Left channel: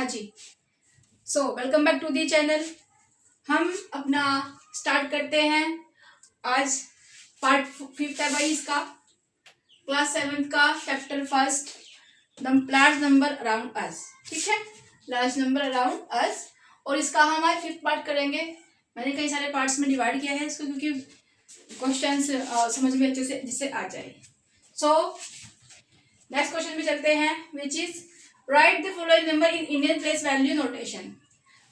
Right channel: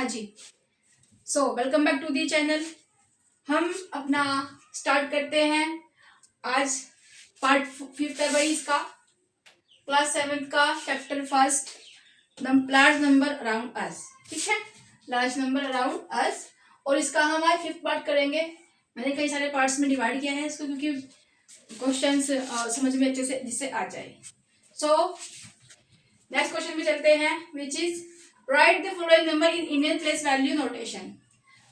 हाँ जी। So welcome back to the channel. हम अपना स्टार्ट करते हैं आज पार्ट 5 है भाई इसका, क्लास 7 का chapter first, large number around us. ठीक है, लार्ज नंबर अराउंड अस। और इसका हम आज 5th पार्ट करेंगे। मैंने कई सारे पार्ट्स में डिवाइड किया है इसको, क्योंकि क्वेश्चंस समझ में अच्छे से जिससे आ जाए। सो नेक्स्ट क्वेश्चन भी चलते हैं, which is right the following number in Indian place value notation.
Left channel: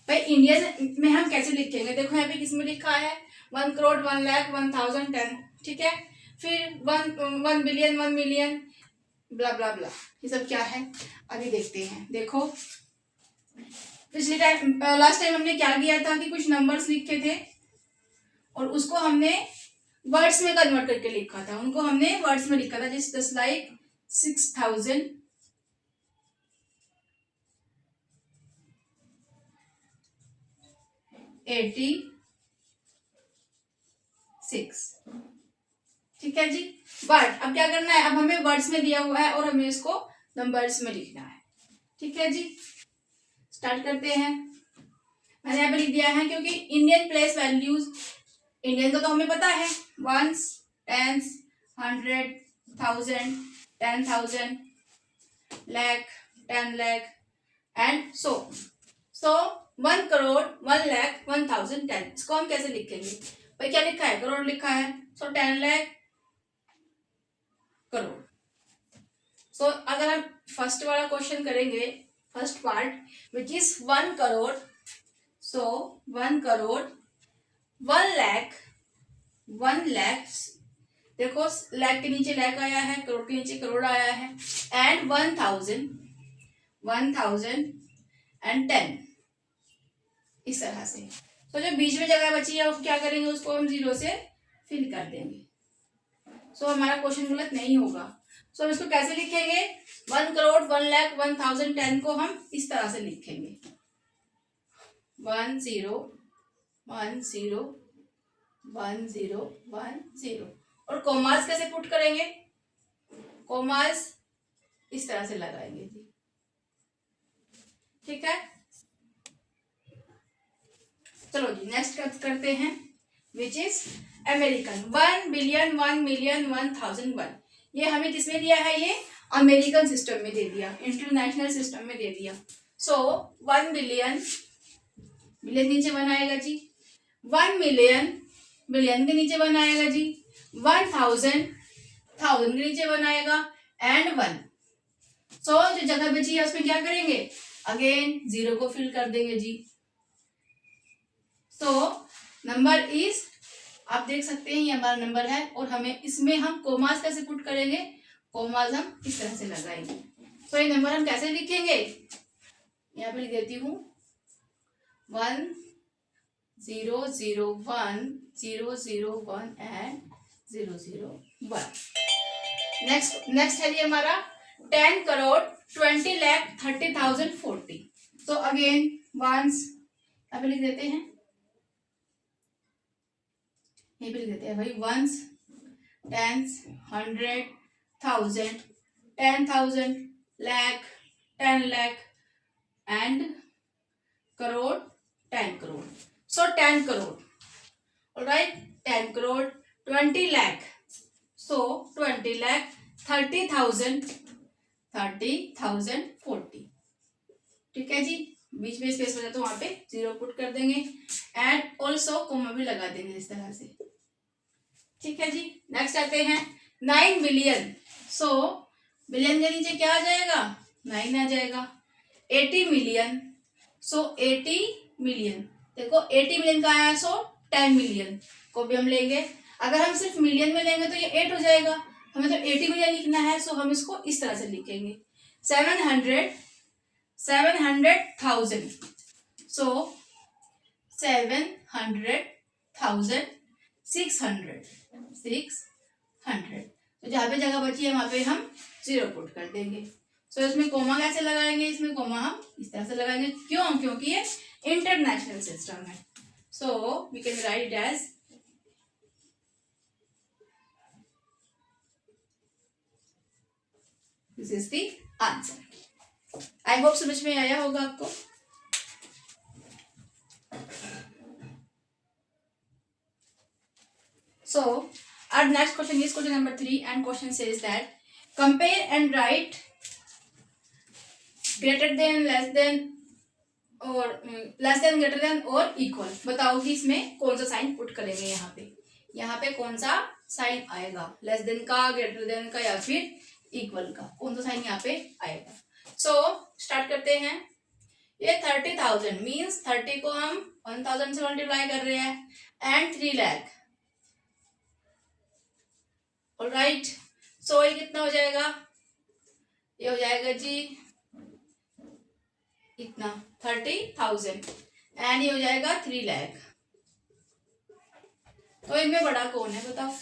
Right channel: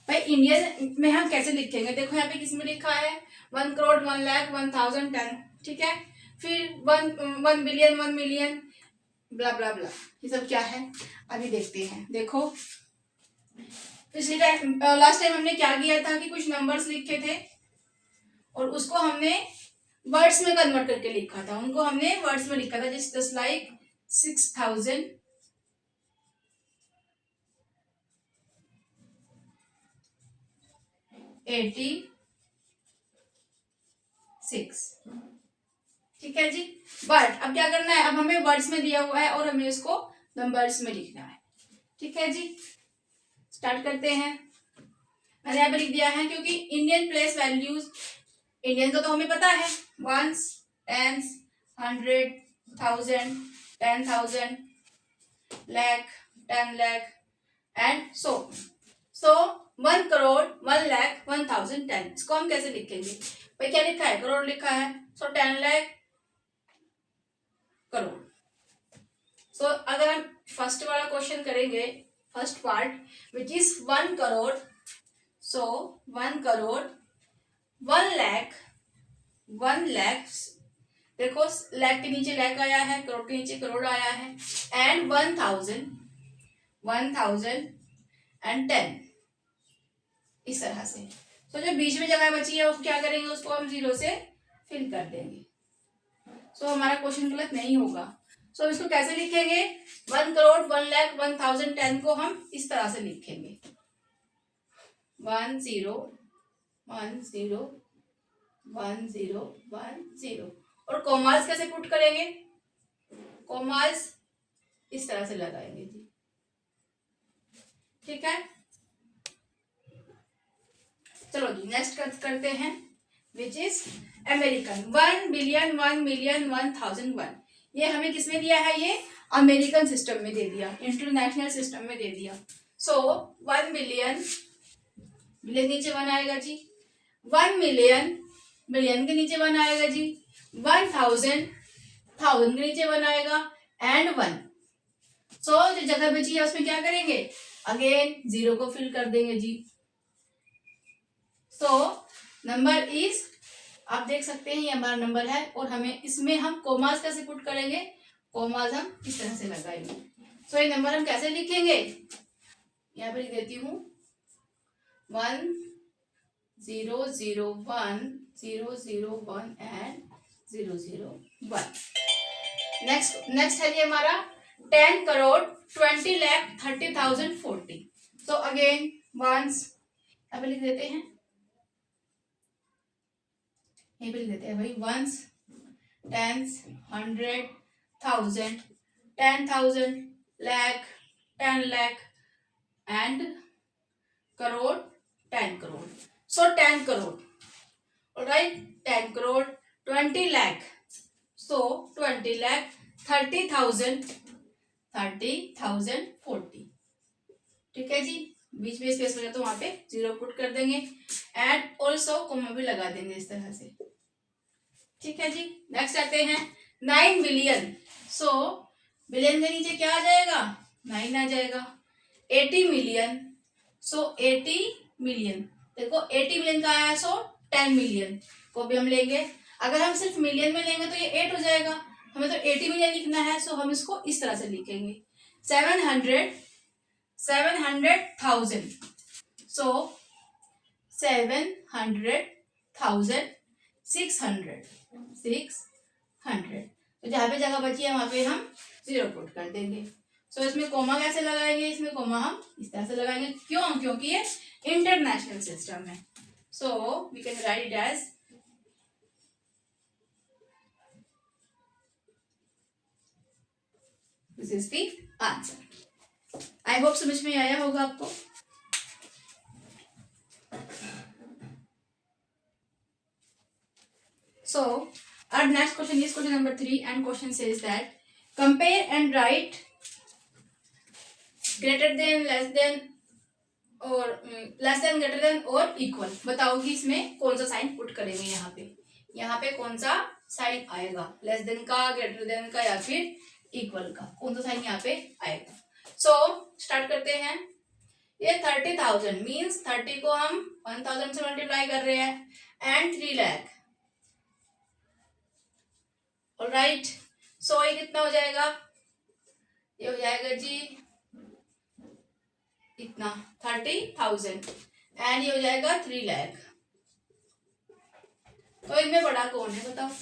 भाई इंडियन में हम कैसे लिखेंगे? देखो यहाँ पे किसमें लिखा है 1 करोड़ 1 लाख 1000 10। ठीक है, फिर 1 बिलियन 1 मिलियन ब्ला ब्ला ब्ला, ये सब क्या है अभी देखते हैं। देखो पिछले टाइम लास्ट टाइम हमने क्या किया था कि कुछ नंबर्स लिखे थे और उसको हमने वर्ड्स में कन्वर्ट करके लिखा था। उनको हमने वर्ड्स में लिखा था, जस्ट लाइक 6000 86। ठीक है जी, बट अब क्या करना है, अब हमें वर्ड्स में दिया हुआ है और हमें इसको नंबर्स में लिखना है। ठीक है जी, स्टार्ट करते हैं। मैंने यहाँ पे लिख दिया है क्योंकि इंडियन प्लेस वैल्यूज, इंडियन का तो हमें पता है, once tens 100 1000 10,000 lakh 10 lakh and so 1 crore 1 lakh 1000 10। इसको हम कैसे लिखेंगे? भाई क्या लिखा है, करोड़ लिखा है, सो 10 लाख करोड़। सो अगर हम फर्स्ट वाला क्वेश्चन करेंगे, first part which is 1 crore, so 1 crore 1 lakh 1 lakh, देखो लाख के नीचे लाख आया है, करोड़ के नीचे करोड़ आया है, एंड 1000 एंड 10, इस तरह से। तो जो बीच में जगह बची है उसको क्या करेंगे, उसको हम 0 से फिल कर देंगे। सो हमारा क्वेश्चन गलत नहीं होगा। सो इसको कैसे लिखेंगे, 1 करोड़ 1 लाख 1000 10 को हम इस तरह से लिखेंगे, 10 10 10 10। और कॉमास कैसे पुट करेंगे, कॉमास इस तरह से लगाएंगे जी। ठीक है, चलो जी नेक्स्ट करते हैं, which is American 1 billion 1 million 1001। ये हमें किसमें दिया है, ये अमेरिकन सिस्टम में दे दिया, इंटरनेशनल सिस्टम में दे दिया। सो 1 बिलियन, बिलियन नीचे बनाएगा जी, 1 मिलियन, मिलियन के नीचे बनाएगा जी, 1000 1000 के नीचे बनाएगा, एंड 1। सो जो जगह बची है उसमें क्या करेंगे, अगेन 0 को फिल कर देंगे जी। सो नंबर इज, आप देख सकते हैं ये हमारा नंबर है, और हमें इसमें हम कोमास कैसे पुट करेंगे, कोमास हम इस तरह से लगाएंगे। सो ये नंबर हम कैसे लिखेंगे, यहाँ पर लिख देती हूँ 1 0 0 1 0 0 1 एंड 0 0 1। नेक्स्ट है ये हमारा 10 करोड़ 20 लाख 30,000 40। तो अगेन वंस, अब लिख देते हैं, ये भी लिख देते हैं भाई, ones tens 100 1000 10,000 lakh 10 lakh and crore 10 crore. So 10 crore, alright, 10 crore 20 lakh, so 20 lakh 30,000 40। ठीक है जी, बीच में स्पेस बचा तो वहां पे 0 पुट कर देंगे, एंड ऑल्सो कोमा भी लगा देंगे इस तरह से। ठीक है जी, नेक्स्ट आते हैं 9 बिलियन। सो बिलियन के नीचे क्या आ जाएगा, 9 आ जाएगा। 80 मिलियन, सो 80 मिलियन, देखो 80 मिलियन का आया है, सो 10 मिलियन को भी हम लेंगे। अगर हम सिर्फ मिलियन में लेंगे तो ये 8 हो जाएगा, हमें तो 80 मिलियन लिखना है, सो हम इसको इस तरह से लिखेंगे 700,000। सो 700,000 600। तो जहाँ पे जगह बची है वहां पे हम 0 पुट कर देंगे। सो इसमें कोमा कैसे लगाएंगे, इसमें कोमा हम इस तरह से लगाएंगे, क्यों, क्योंकि ये इंटरनेशनल सिस्टम है। So we can write it as, this is the answer. I hope समझ में आया होगा आपको। So our next question is question number 3, and question says that compare and write greater than, less than और less than, greater than और equal. बताओ कि इसमें कौन सा साइन पुट करेंगे। यहाँ पे कौन सा साइन आएगा, लेस देन का, ग्रेटर देन का, या फिर इक्वल का, कौन सा साइन यहाँ पे आएगा। सो स्टार्ट करते हैं। ये 30,000 मीन्स 30 को हम 1000 से मल्टीप्लाई कर रहे हैं, एंड 3 लाख। ऑलराइट, सो ये कितना हो जाएगा, ये हो जाएगा जी इतना 30,000, एंड ये हो जाएगा 3 लाख। तो इनमें बड़ा कौन है, बताओ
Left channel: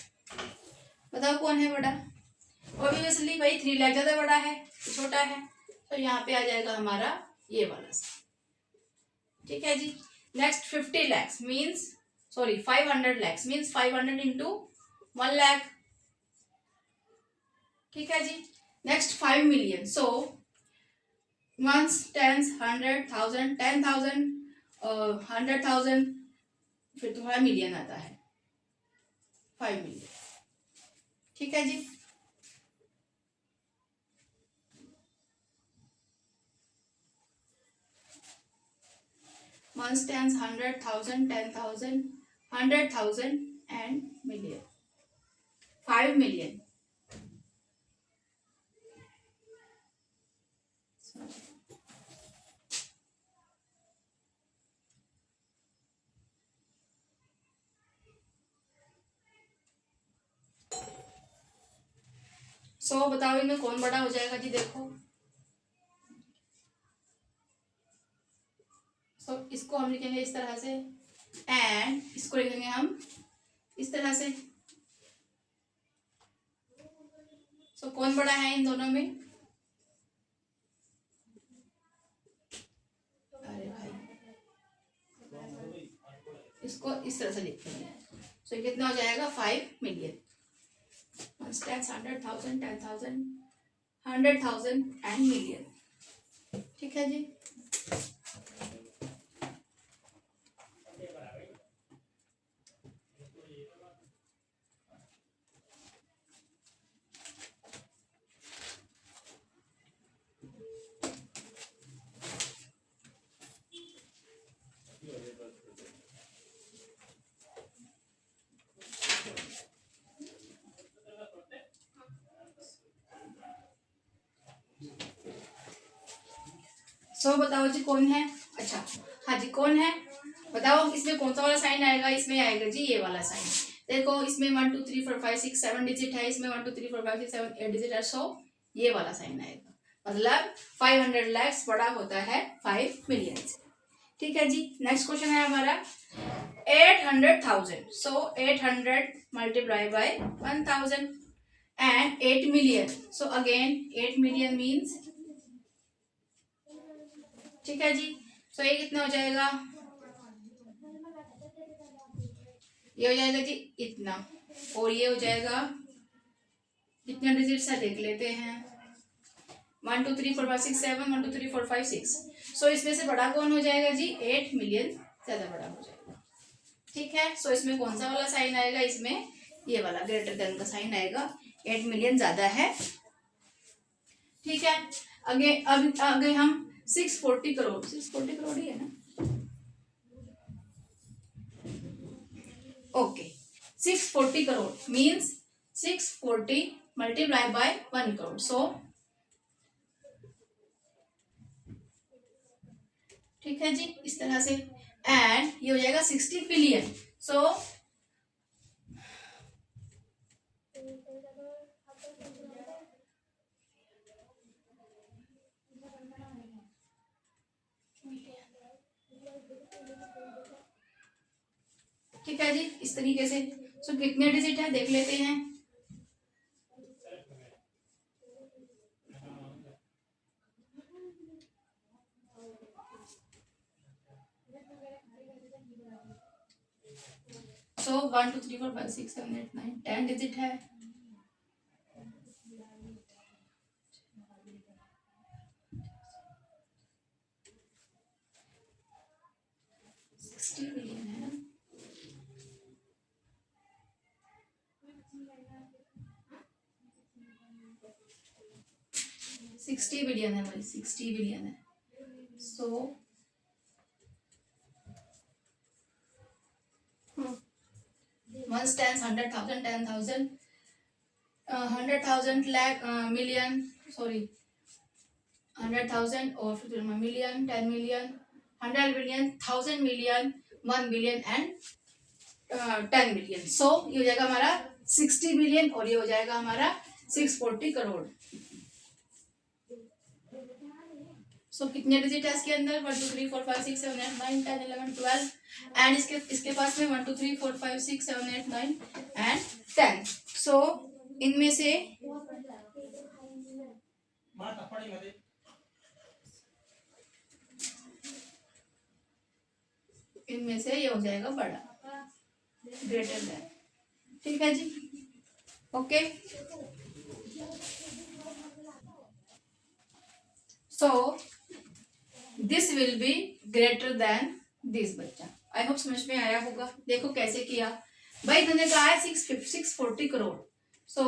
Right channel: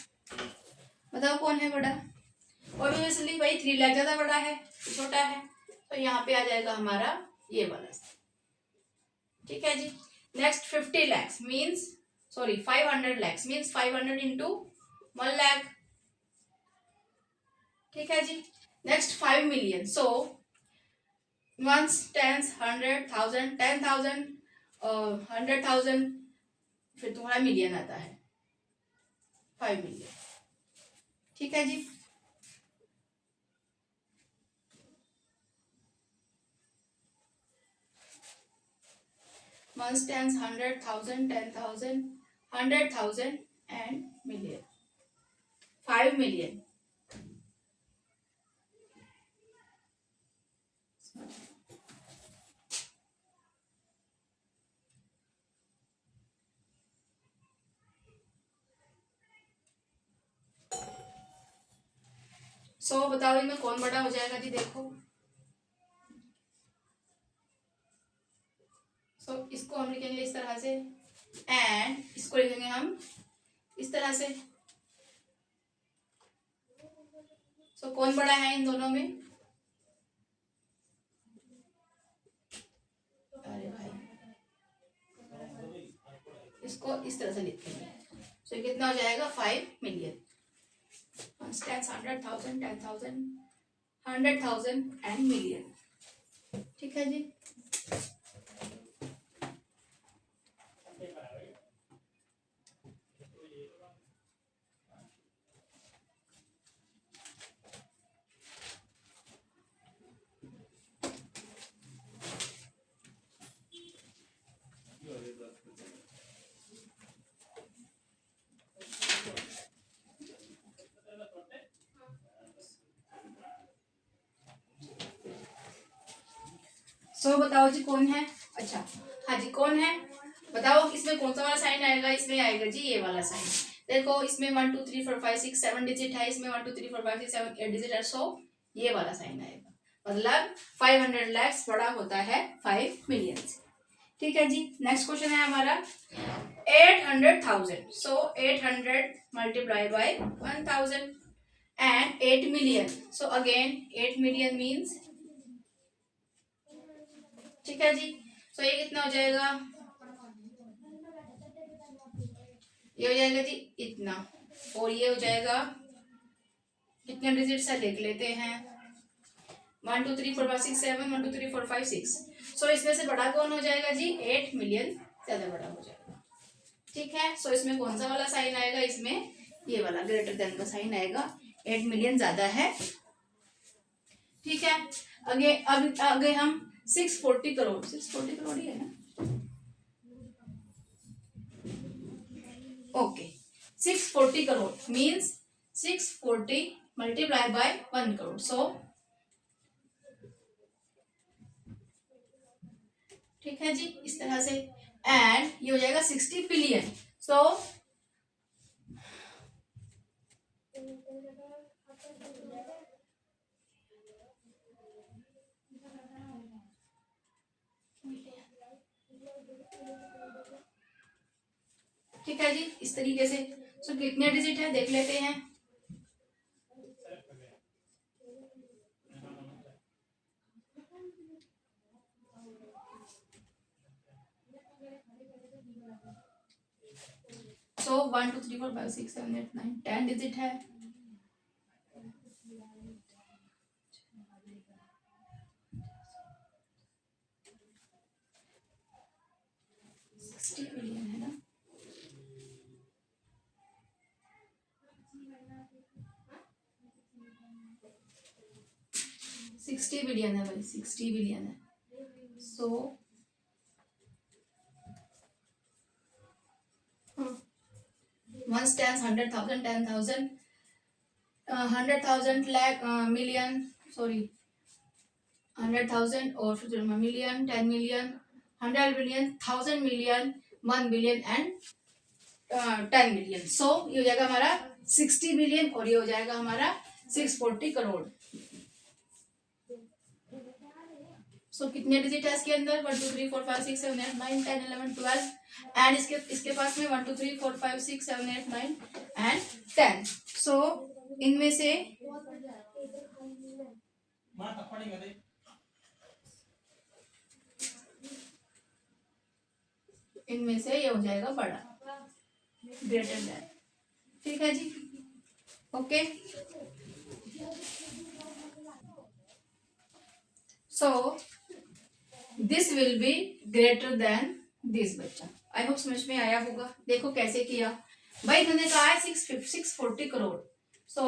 बताओ कौन है बड़ा। ऑब्वियसली भाई 3 लाख ज्यादा बड़ा है, छोटा है, तो यहाँ पे आ जाएगा हमारा ये वाला। ठीक है जी। Next 50 lakhs means, sorry 500 lakhs means 500 into 1 lakh. ठीक है जी। Next 5 million, so ones, tens, 100,000, 10,000 और 100,000, फिर तुम्हारा मिलियन आता है 5 million। ठीक है जी। Ones, tens, 100,000, 10,000, 100,000 and million, 5 million। So बताओ इनमें कौन बड़ा हो जाएगा जी। देखो, सो इसको हम लिखेंगे इस तरह से, एंड इसको लिखेंगे हम इस तरह से। सो कौन बड़ा है इन दोनों में, अरे भाई इसको इस तरह से लिखेंगे। सो कितना हो जाएगा 5 million। 100,000, 10,000, 100,000 and million. ठीक है जी। सो बताओ जी कौन है। अच्छा हाँ जी, कौन है बताओ, इसमें कौन सा वाला साइन आएगा। इसमें आएगा जी ये वाला साइन। देखो इसमें 1 2 3 4 5 6 7 डिजिट है, इसमें 1 2 3 4 5 6 7 8 डिजिट है। सो ये वाला साइन आएगा, मतलब 500 lakhs बड़ा होता है 5 million से। ठीक है जी। नेक्स्ट क्वेश्चन है हमारा 800,000। सो 800 multiply by 1000 and 8 million। So again 8 million means, ठीक है जी। सो ये कितना हो जाएगा, ये हो जाएगा जी इतना, और ये हो जाएगा कितने डिजिट है देख लेते हैं, 1 2 3 4 5 6 7, 1 2 3 4 5 6। सो इसमें से बड़ा कौन हो जाएगा जी, 8 million ज्यादा बड़ा हो जाएगा। ठीक है। सो इसमें कौन सा वाला साइन आएगा, इसमें ये वाला ग्रेटर देन का साइन आएगा, 8 million ज्यादा है। ठीक है। आगे हम 640 करोड़, 640 करोड़ ही है ना, okay. 640 crore means 640 multiply by 1 crore. So ठीक है जी, इस तरह से। एंड ये हो जाएगा 60 बिलियन। सो ठीक है जी, इस तरीके से। सो कितने डिजिट है देख लेते हैं। सो 1 2 3 4 5 6 7 8 9 10 डिजिट है। 60 बिलियन है ना, 60 बिलियन है भाई, 60 बिलियन है। So one tens 100,000, 10,000, 100,000 lakh, million, sorry 100,000 और फिर million, 10 million, 100 million, 1000 million, 1 billion and 10 million. So ये हो जाएगा हमारा 60 बिलियन और ये हो जाएगा हमारा 640 करोड़। सो कितने डिजिट है इसके अंदर? 1 2 3 4 5 6 7 8 9 10 11 12 एंड इसके पास में 1 2 3 4 5 6 7 8 9 एंड 10। सो इनमें से ये हो जाएगा बड़ा, ग्रेटर देन। ठीक है जी, okay. So this will be greater than this बच्चा। आई होप समझ में आया होगा। देखो कैसे किया भाई, इन्होंने कहा है 640 crore. So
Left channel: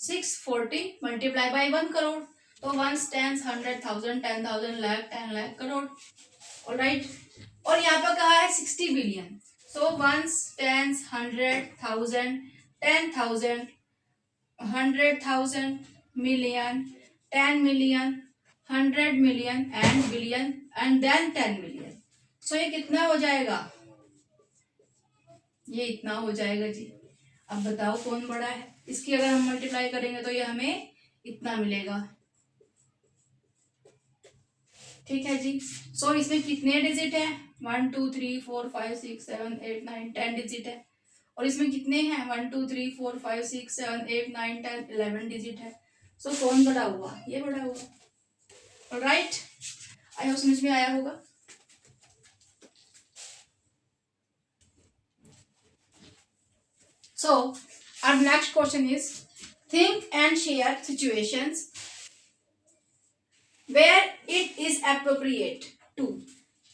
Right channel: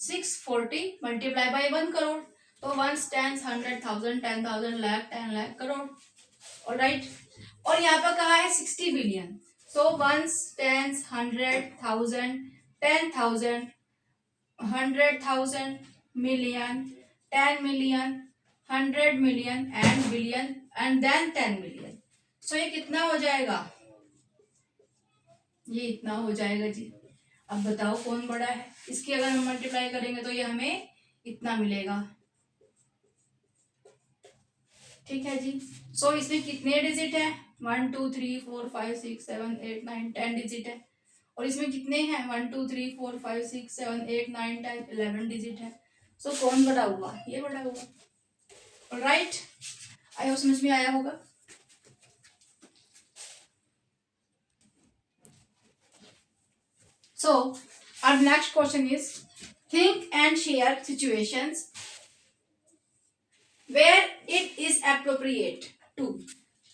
640 multiply by 1 crore, तो 1 टेंस 100,000, 10,000 लाख, 10 लाख करोड़। ऑलराइट, और यहाँ पर कहा है 60 billion. So 1 tens 100,000, 10,000, 100,000, million, 10 million, 100 million and billion and then 10 million. So ये कितना हो जाएगा? ये इतना हो जाएगा जी। अब बताओ कौन बड़ा है? इसकी अगर हम मल्टीप्लाई करेंगे तो ये हमें इतना मिलेगा। ठीक है जी। सो इसमें कितने डिजिट है? 1 2 3 4 5 6 7 8 9 10 डिजिट है। और इसमें कितने हैं? 1 2 3 4 5 6 7 8 9 10 11 डिजिट है। सो कौन बड़ा हुआ? ये बड़ा हुआ। राइट, आई होप समझ में आया होगा। So our next question is, think and share situations where it is appropriate to,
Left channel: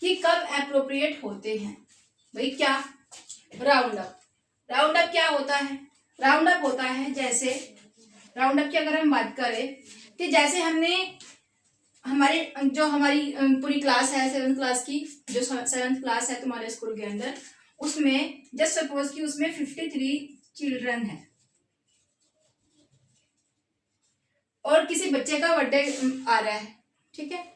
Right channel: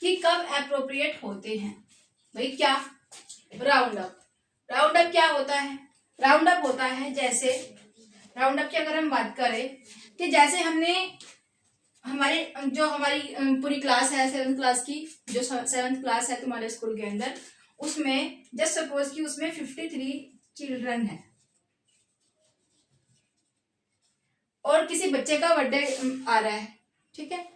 कि कब appropriate होते हैं भाई। क्या? Round up. राउंड अप क्या होता है? राउंड अप होता है, जैसे राउंड अप की अगर हम बात करें कि जैसे हमने हमारी पूरी क्लास है 7th क्लास की, जो 7th क्लास है तुम्हारे स्कूल के अंदर, उसमें जस्ट सपोज कि उसमें 53 चिल्ड्रन है और किसी बच्चे का बर्थडे आ रहा है। ठीक है,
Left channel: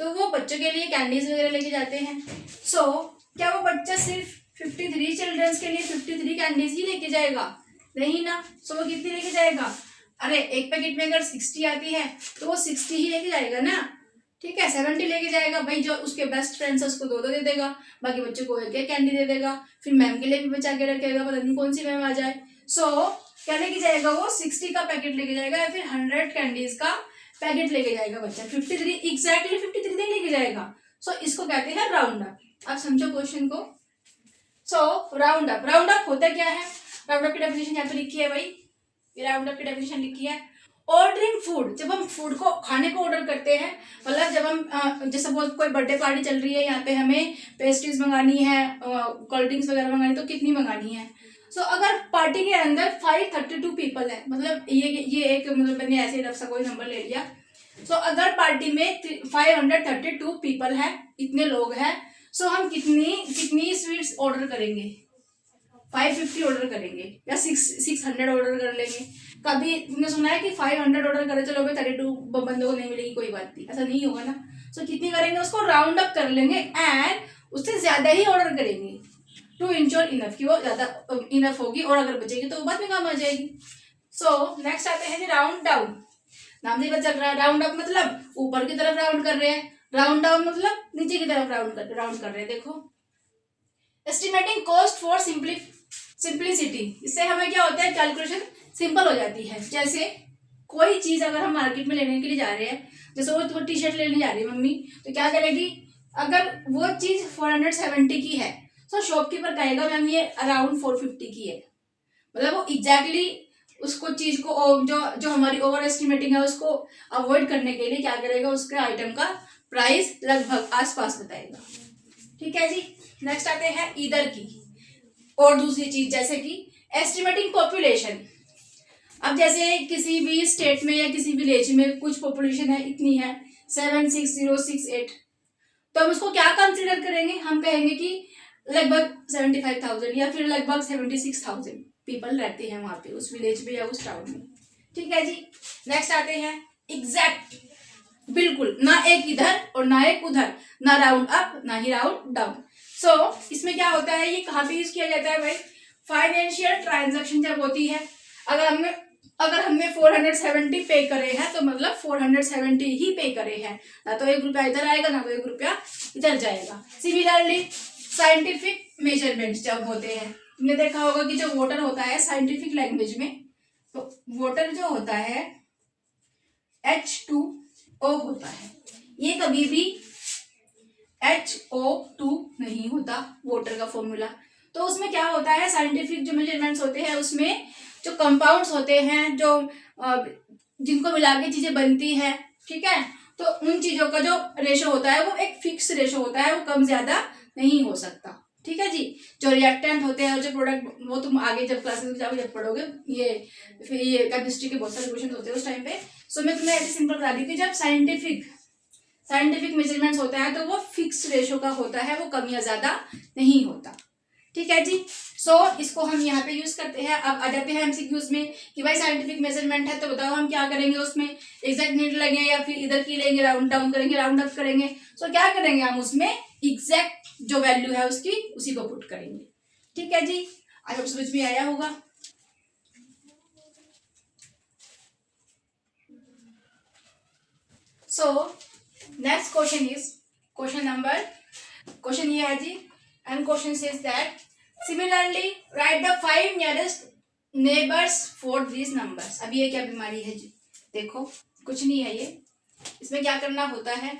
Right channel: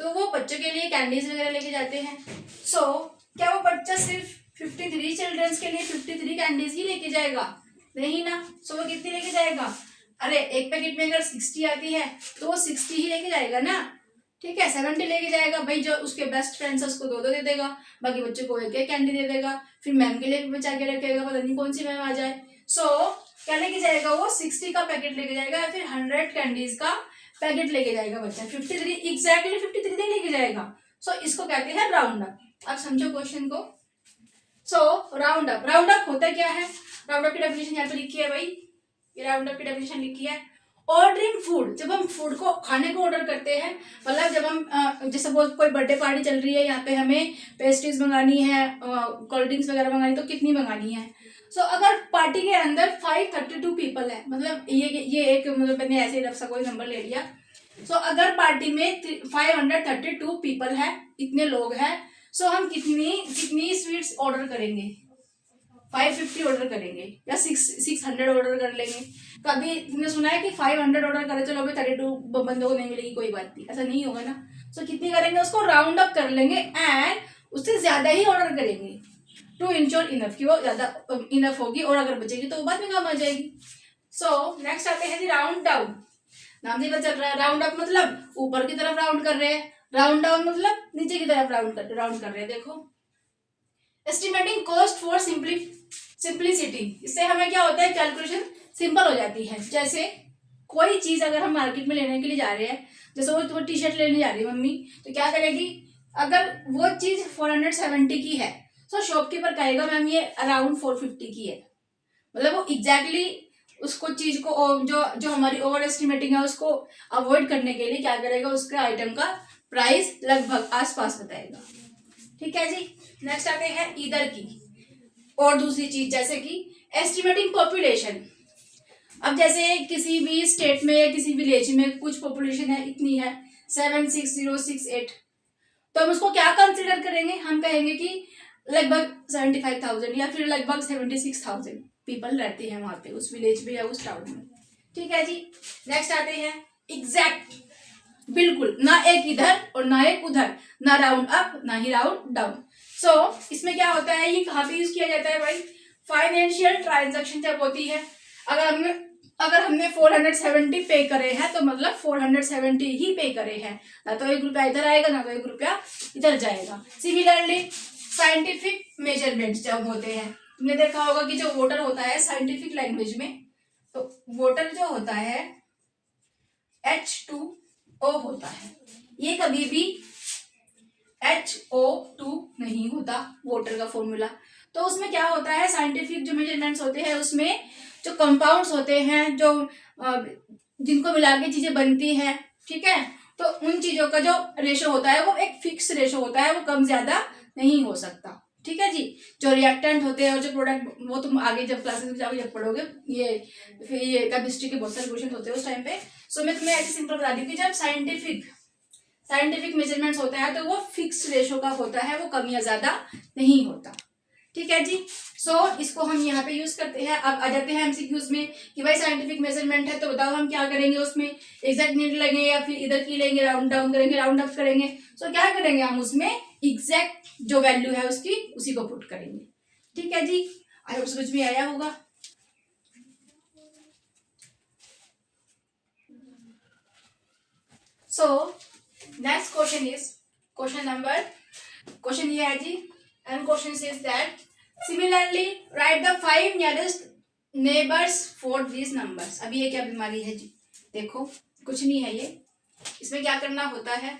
तो वो बच्चों के लिए कैंडीज वगैरह लेके जाते हैं। सो क्या वो बच्चा सिर्फ 53 चिल्ड्रंस के लिए 53 कैंडीज ही लेके जाएगा? नहीं ना। सो वो कितनी लेके जाएगा? अरे एक पैकेट में अगर 60 आती है तो वो 60 ही लेके जाएगा ना। ठीक है, 70 लेके जाएगा भाई। जो उसके बेस्ट फ्रेंड्स है उसको 2 दे देगा, बाकी बच्चों को एक कैंडी दे देगा, फिर मैम के लिए भी बचा के रखेगा, पता नहीं कौन सी मैम आ जाए। सो क्या लेके जाएगा? वो 60 का पैकेट लेके जाएगा या फिर 100 कैंडीज का पैकेट लेके जाएगा बच्चा। 53 एग्जैक्टली 53 नहीं लेके जाएगा। सो इसको कहते हैं राउंड अप। अब समझो क्वेश्चन को। सो राउंड अप होता क्या है? राउंड अप की डेफिनेशन यहाँ पे लिखी है भाई, ये राउंड अप की डेफिनेशन लिखी है। ऑर्डरिंग फूड, जब हम फूड को खाने को ऑर्डर करते हैं, मतलब जब हम जैसे सपोज कोई बर्थडे पार्टी चल रही है, यहाँ पे हमें पेस्ट्रीज मंगानी है, कोल्ड ड्रिंक्स वगैरह मंगानी, तो कितनी मंगानी है? सो अगर पार्टी के अंदर 532 पीपल है, मतलब ये एक, मतलब मैंने ऐसे ही रफ सा कोई नंबर ले लिया। सो अगर पार्टी में 532 पीपल है, इतने लोग हैं, सो हम कितनी स्वीट्स ऑर्डर करेंगे? 550 ऑर्डर करेंगे या 600 ऑर्डर कर लेंगे। कभी तुमने सुना है कि 500 ऑर्डर करे चलो भाई 32 बंदों को नहीं मिलेगी, कोई बात नहीं, ऐसा नहीं होगा ना। सो कितनी करेंगे? उसको राउंड अप कर लेंगे एंड उससे ज्यादा ही ऑर्डर करेंगे टू इंश्योर इनफ, कि वो ज्यादा इनफ होगी, और अगर बचेगी तो बाद में काम आ जाएगी। सो नेक्स्ट आते हैं जी राउंड डाउन। नाम से पता चल रहा है, राउंड अप मतलब ऊपर की तरफ राउंड कर रहे हैं, राउंड डाउन मतलब नीचे की तरफ राउंड कर रहे हैं। देखो, एस्टिमेटिंग कॉस्ट फॉर सिंप्लिसिटी, इससे हमें क्या होता है? कैलकुलेशन सिंपल हो जाती है। जैसे कोई चीज अगर हम मार्केट में लेने के लिए जा रहे हैं, जैसे वो टी शर्ट लेने जा रही है मम्मी, तो क्या करेगी? अगर वो चीज 470 की है तो शॉपकीपर कहेगा मैम ये अराउंड 450 की है। मतलब वो एग्जैक्टली उसको चीज को जो हमारी ओवर एस्टिमेटिंग है उसको अवॉइड करने के लिए क्या करेगा? उसके आइटम का प्राइस लगभग आसपास बताएगा। ठीक है जी। नेक्स्ट आते हैं इधर की और दूसरी चीज, जैसे कि एस्टिमेटिंग पॉपुलेशन। अब जैसे किसी भी स्टेट में या किसी विलेज में कुछ पॉपुलेशन है, इतनी है 76068, तो हम उसको क्या कंसिडर करेंगे, हम कहेंगे कि लगभग 75,000 या फिर लगभग 76,000 पीपल रहते हैं वहां पे उस विलेज में या उस टाउन में। ठीक है जी। नेक्स्ट आते हैं एग्जैक्ट, बिल्कुल, ना एक इधर और ना एक उधर, ना राउंड अप ना ही राउंड डाउन। सो इसमें क्या होता है, ये कहाँ पे यूज किया जाता है भाई, फाइनेंशियल ट्रांजैक्शन जब होती है, अगर हमने 470 पे करे हैं तो मतलब 470 ही पे करे हैं, ना तो 1 रुपया इधर आएगा ना तो 1 रुपया इधर जाएगा। सिमिलरली साइंटिफिक मेजरमेंट्स जब होते हैं, तुमने देखा होगा कि जो वोटर होता है साइंटिफिक लैंग्वेज में, तो वोटर जो होता है H2O होता है, ये कभी भी HO2 नहीं होता वोटर का फॉर्मूला। तो उसमें क्या होता है, साइंटिफिक जो मेजरमेंट्स होते हैं उसमें जो कंपाउंड्स होते हैं, जो जिनको मिला के चीजें बनती हैं, ठीक है, तो उन चीजों का जो रेशो होता है वो एक फिक्स रेशो होता है, वो कम ज्यादा नहीं हो सकता। ठीक है जी। जो रिएक्टेंट होते हैं और जो प्रोडक्ट, वो तुम आगे जब क्लासेस में जाओगे जब पढ़ोगे, ये केमिस्ट्री के बहुत सारे क्वेश्चन होते हैं उस टाइम पे। सो मैं तुम्हें ऐसे सिंपल बता दी कि जब साइंटिफिक मेजरमेंट्स होता है तो वो फिक्स रेशो का होता है, वो कम या ज्यादा नहीं होता। ठीक है जी। सो इसको हम यहाँ पे यूज करते हैं। अब आ जाते हैं एमसीक्यूज में कि भाई साइंटिफिक मेजरमेंट है तो बताओ हम क्या करेंगे उसमें, एग्जैक्ट नीड लेंगे या फिर इधर की लेंगे, राउंड डाउन करेंगे, राउंड अप करेंगे। सो क्या करेंगे हम उसमें, एग्जैक्ट जो वैल्यू है उसकी उसी को पुट करेंगे। ठीक है जी। आज आप समझ में आया होगा। सो नेक्स्ट क्वेश्चन ये है जी, and question says that similarly write the 5 nearest neighbours for this numbers. अब ये क्या बीमारी है जी, देखो कुछ नहीं है ये, इसमें क्या करना होता है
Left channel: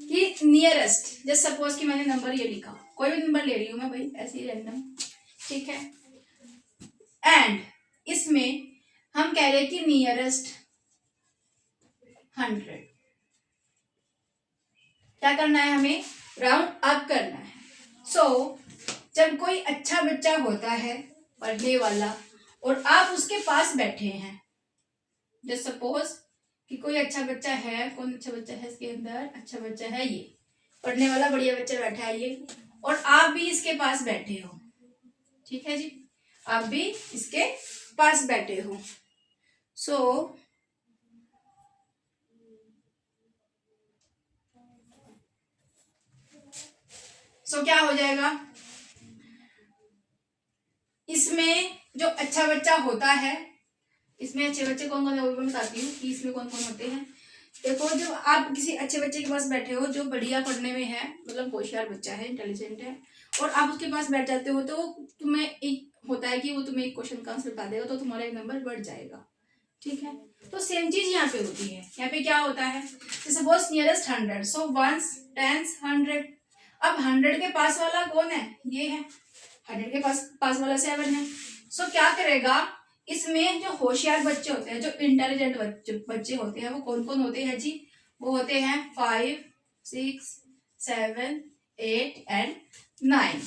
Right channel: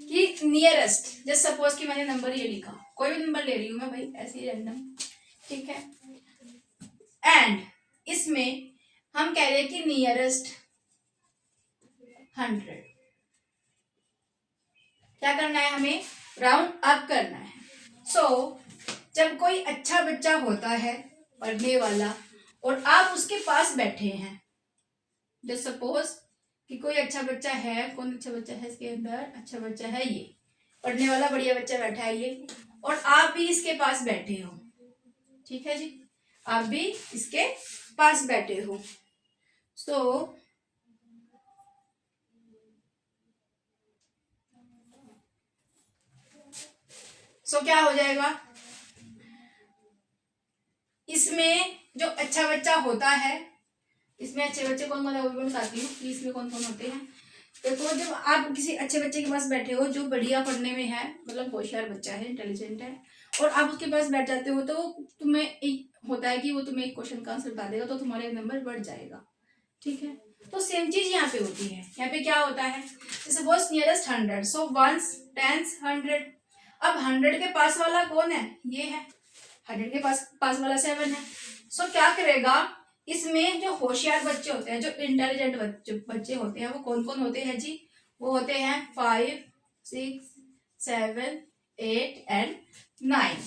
कि नियरेस्ट, जस्ट सपोज कि मैंने नंबर ये लिखा, कोई भी नंबर ले रही हूं मैं भाई ऐसे ही रैंडम, ठीक है, एंड इसमें हम कह रहे हैं कि नियरेस्ट 100, क्या करना है हमें, राउंड अप करना है। सो जब कोई अच्छा बच्चा होता है पढ़ने वाला और आप उसके पास बैठे हैं, जस्ट सपोज कि कोई अच्छा बच्चा है, कौन अच्छा बच्चा है इसके अंदर, अच्छा बच्चा है ये पढ़ने वाला बढ़िया बच्चा बैठा है ये, और आप भी इसके पास बैठे हो, ठीक है जी, आप भी इसके पास बैठे हो। सो क्या हो जाएगा, इसमें जो अच्छा बच्चा होता है, इसमें अच्छे बच्चे कौन कौन है वो भी मैं बताती हूँ कि इसमें कौन कौन होते हैं। देखो जब आप किसी अच्छे बच्चे के पास बैठे हो जो बढ़िया पढ़ने में है, मतलब होशियार बच्चा है, इंटेलिजेंट है, और आप उसके पास बैठ जाते हो, तो तुम्हें एक होता है कि वो तुम्हें एक क्वेश्चन का आंसर बता देगा, तो तुम्हारा एक नंबर बढ़ जाएगा। ठीक है, तो सेम चीज यहाँ पे होती है। यहाँ पे क्या होता है, सपोज नियरेस्ट 100, सो 1s 10s 100। अब 100 के पास वाला कौन है, ये है, 100 के पास वाला 7 है। सो क्या करेगा, इसमें जो होशियार बच्चे होते हैं, जो इंटेलिजेंट बच्चे होते हैं, वो कौन कौन होते हैं जी, वो होते हैं 5 6 7 8 एंड 9।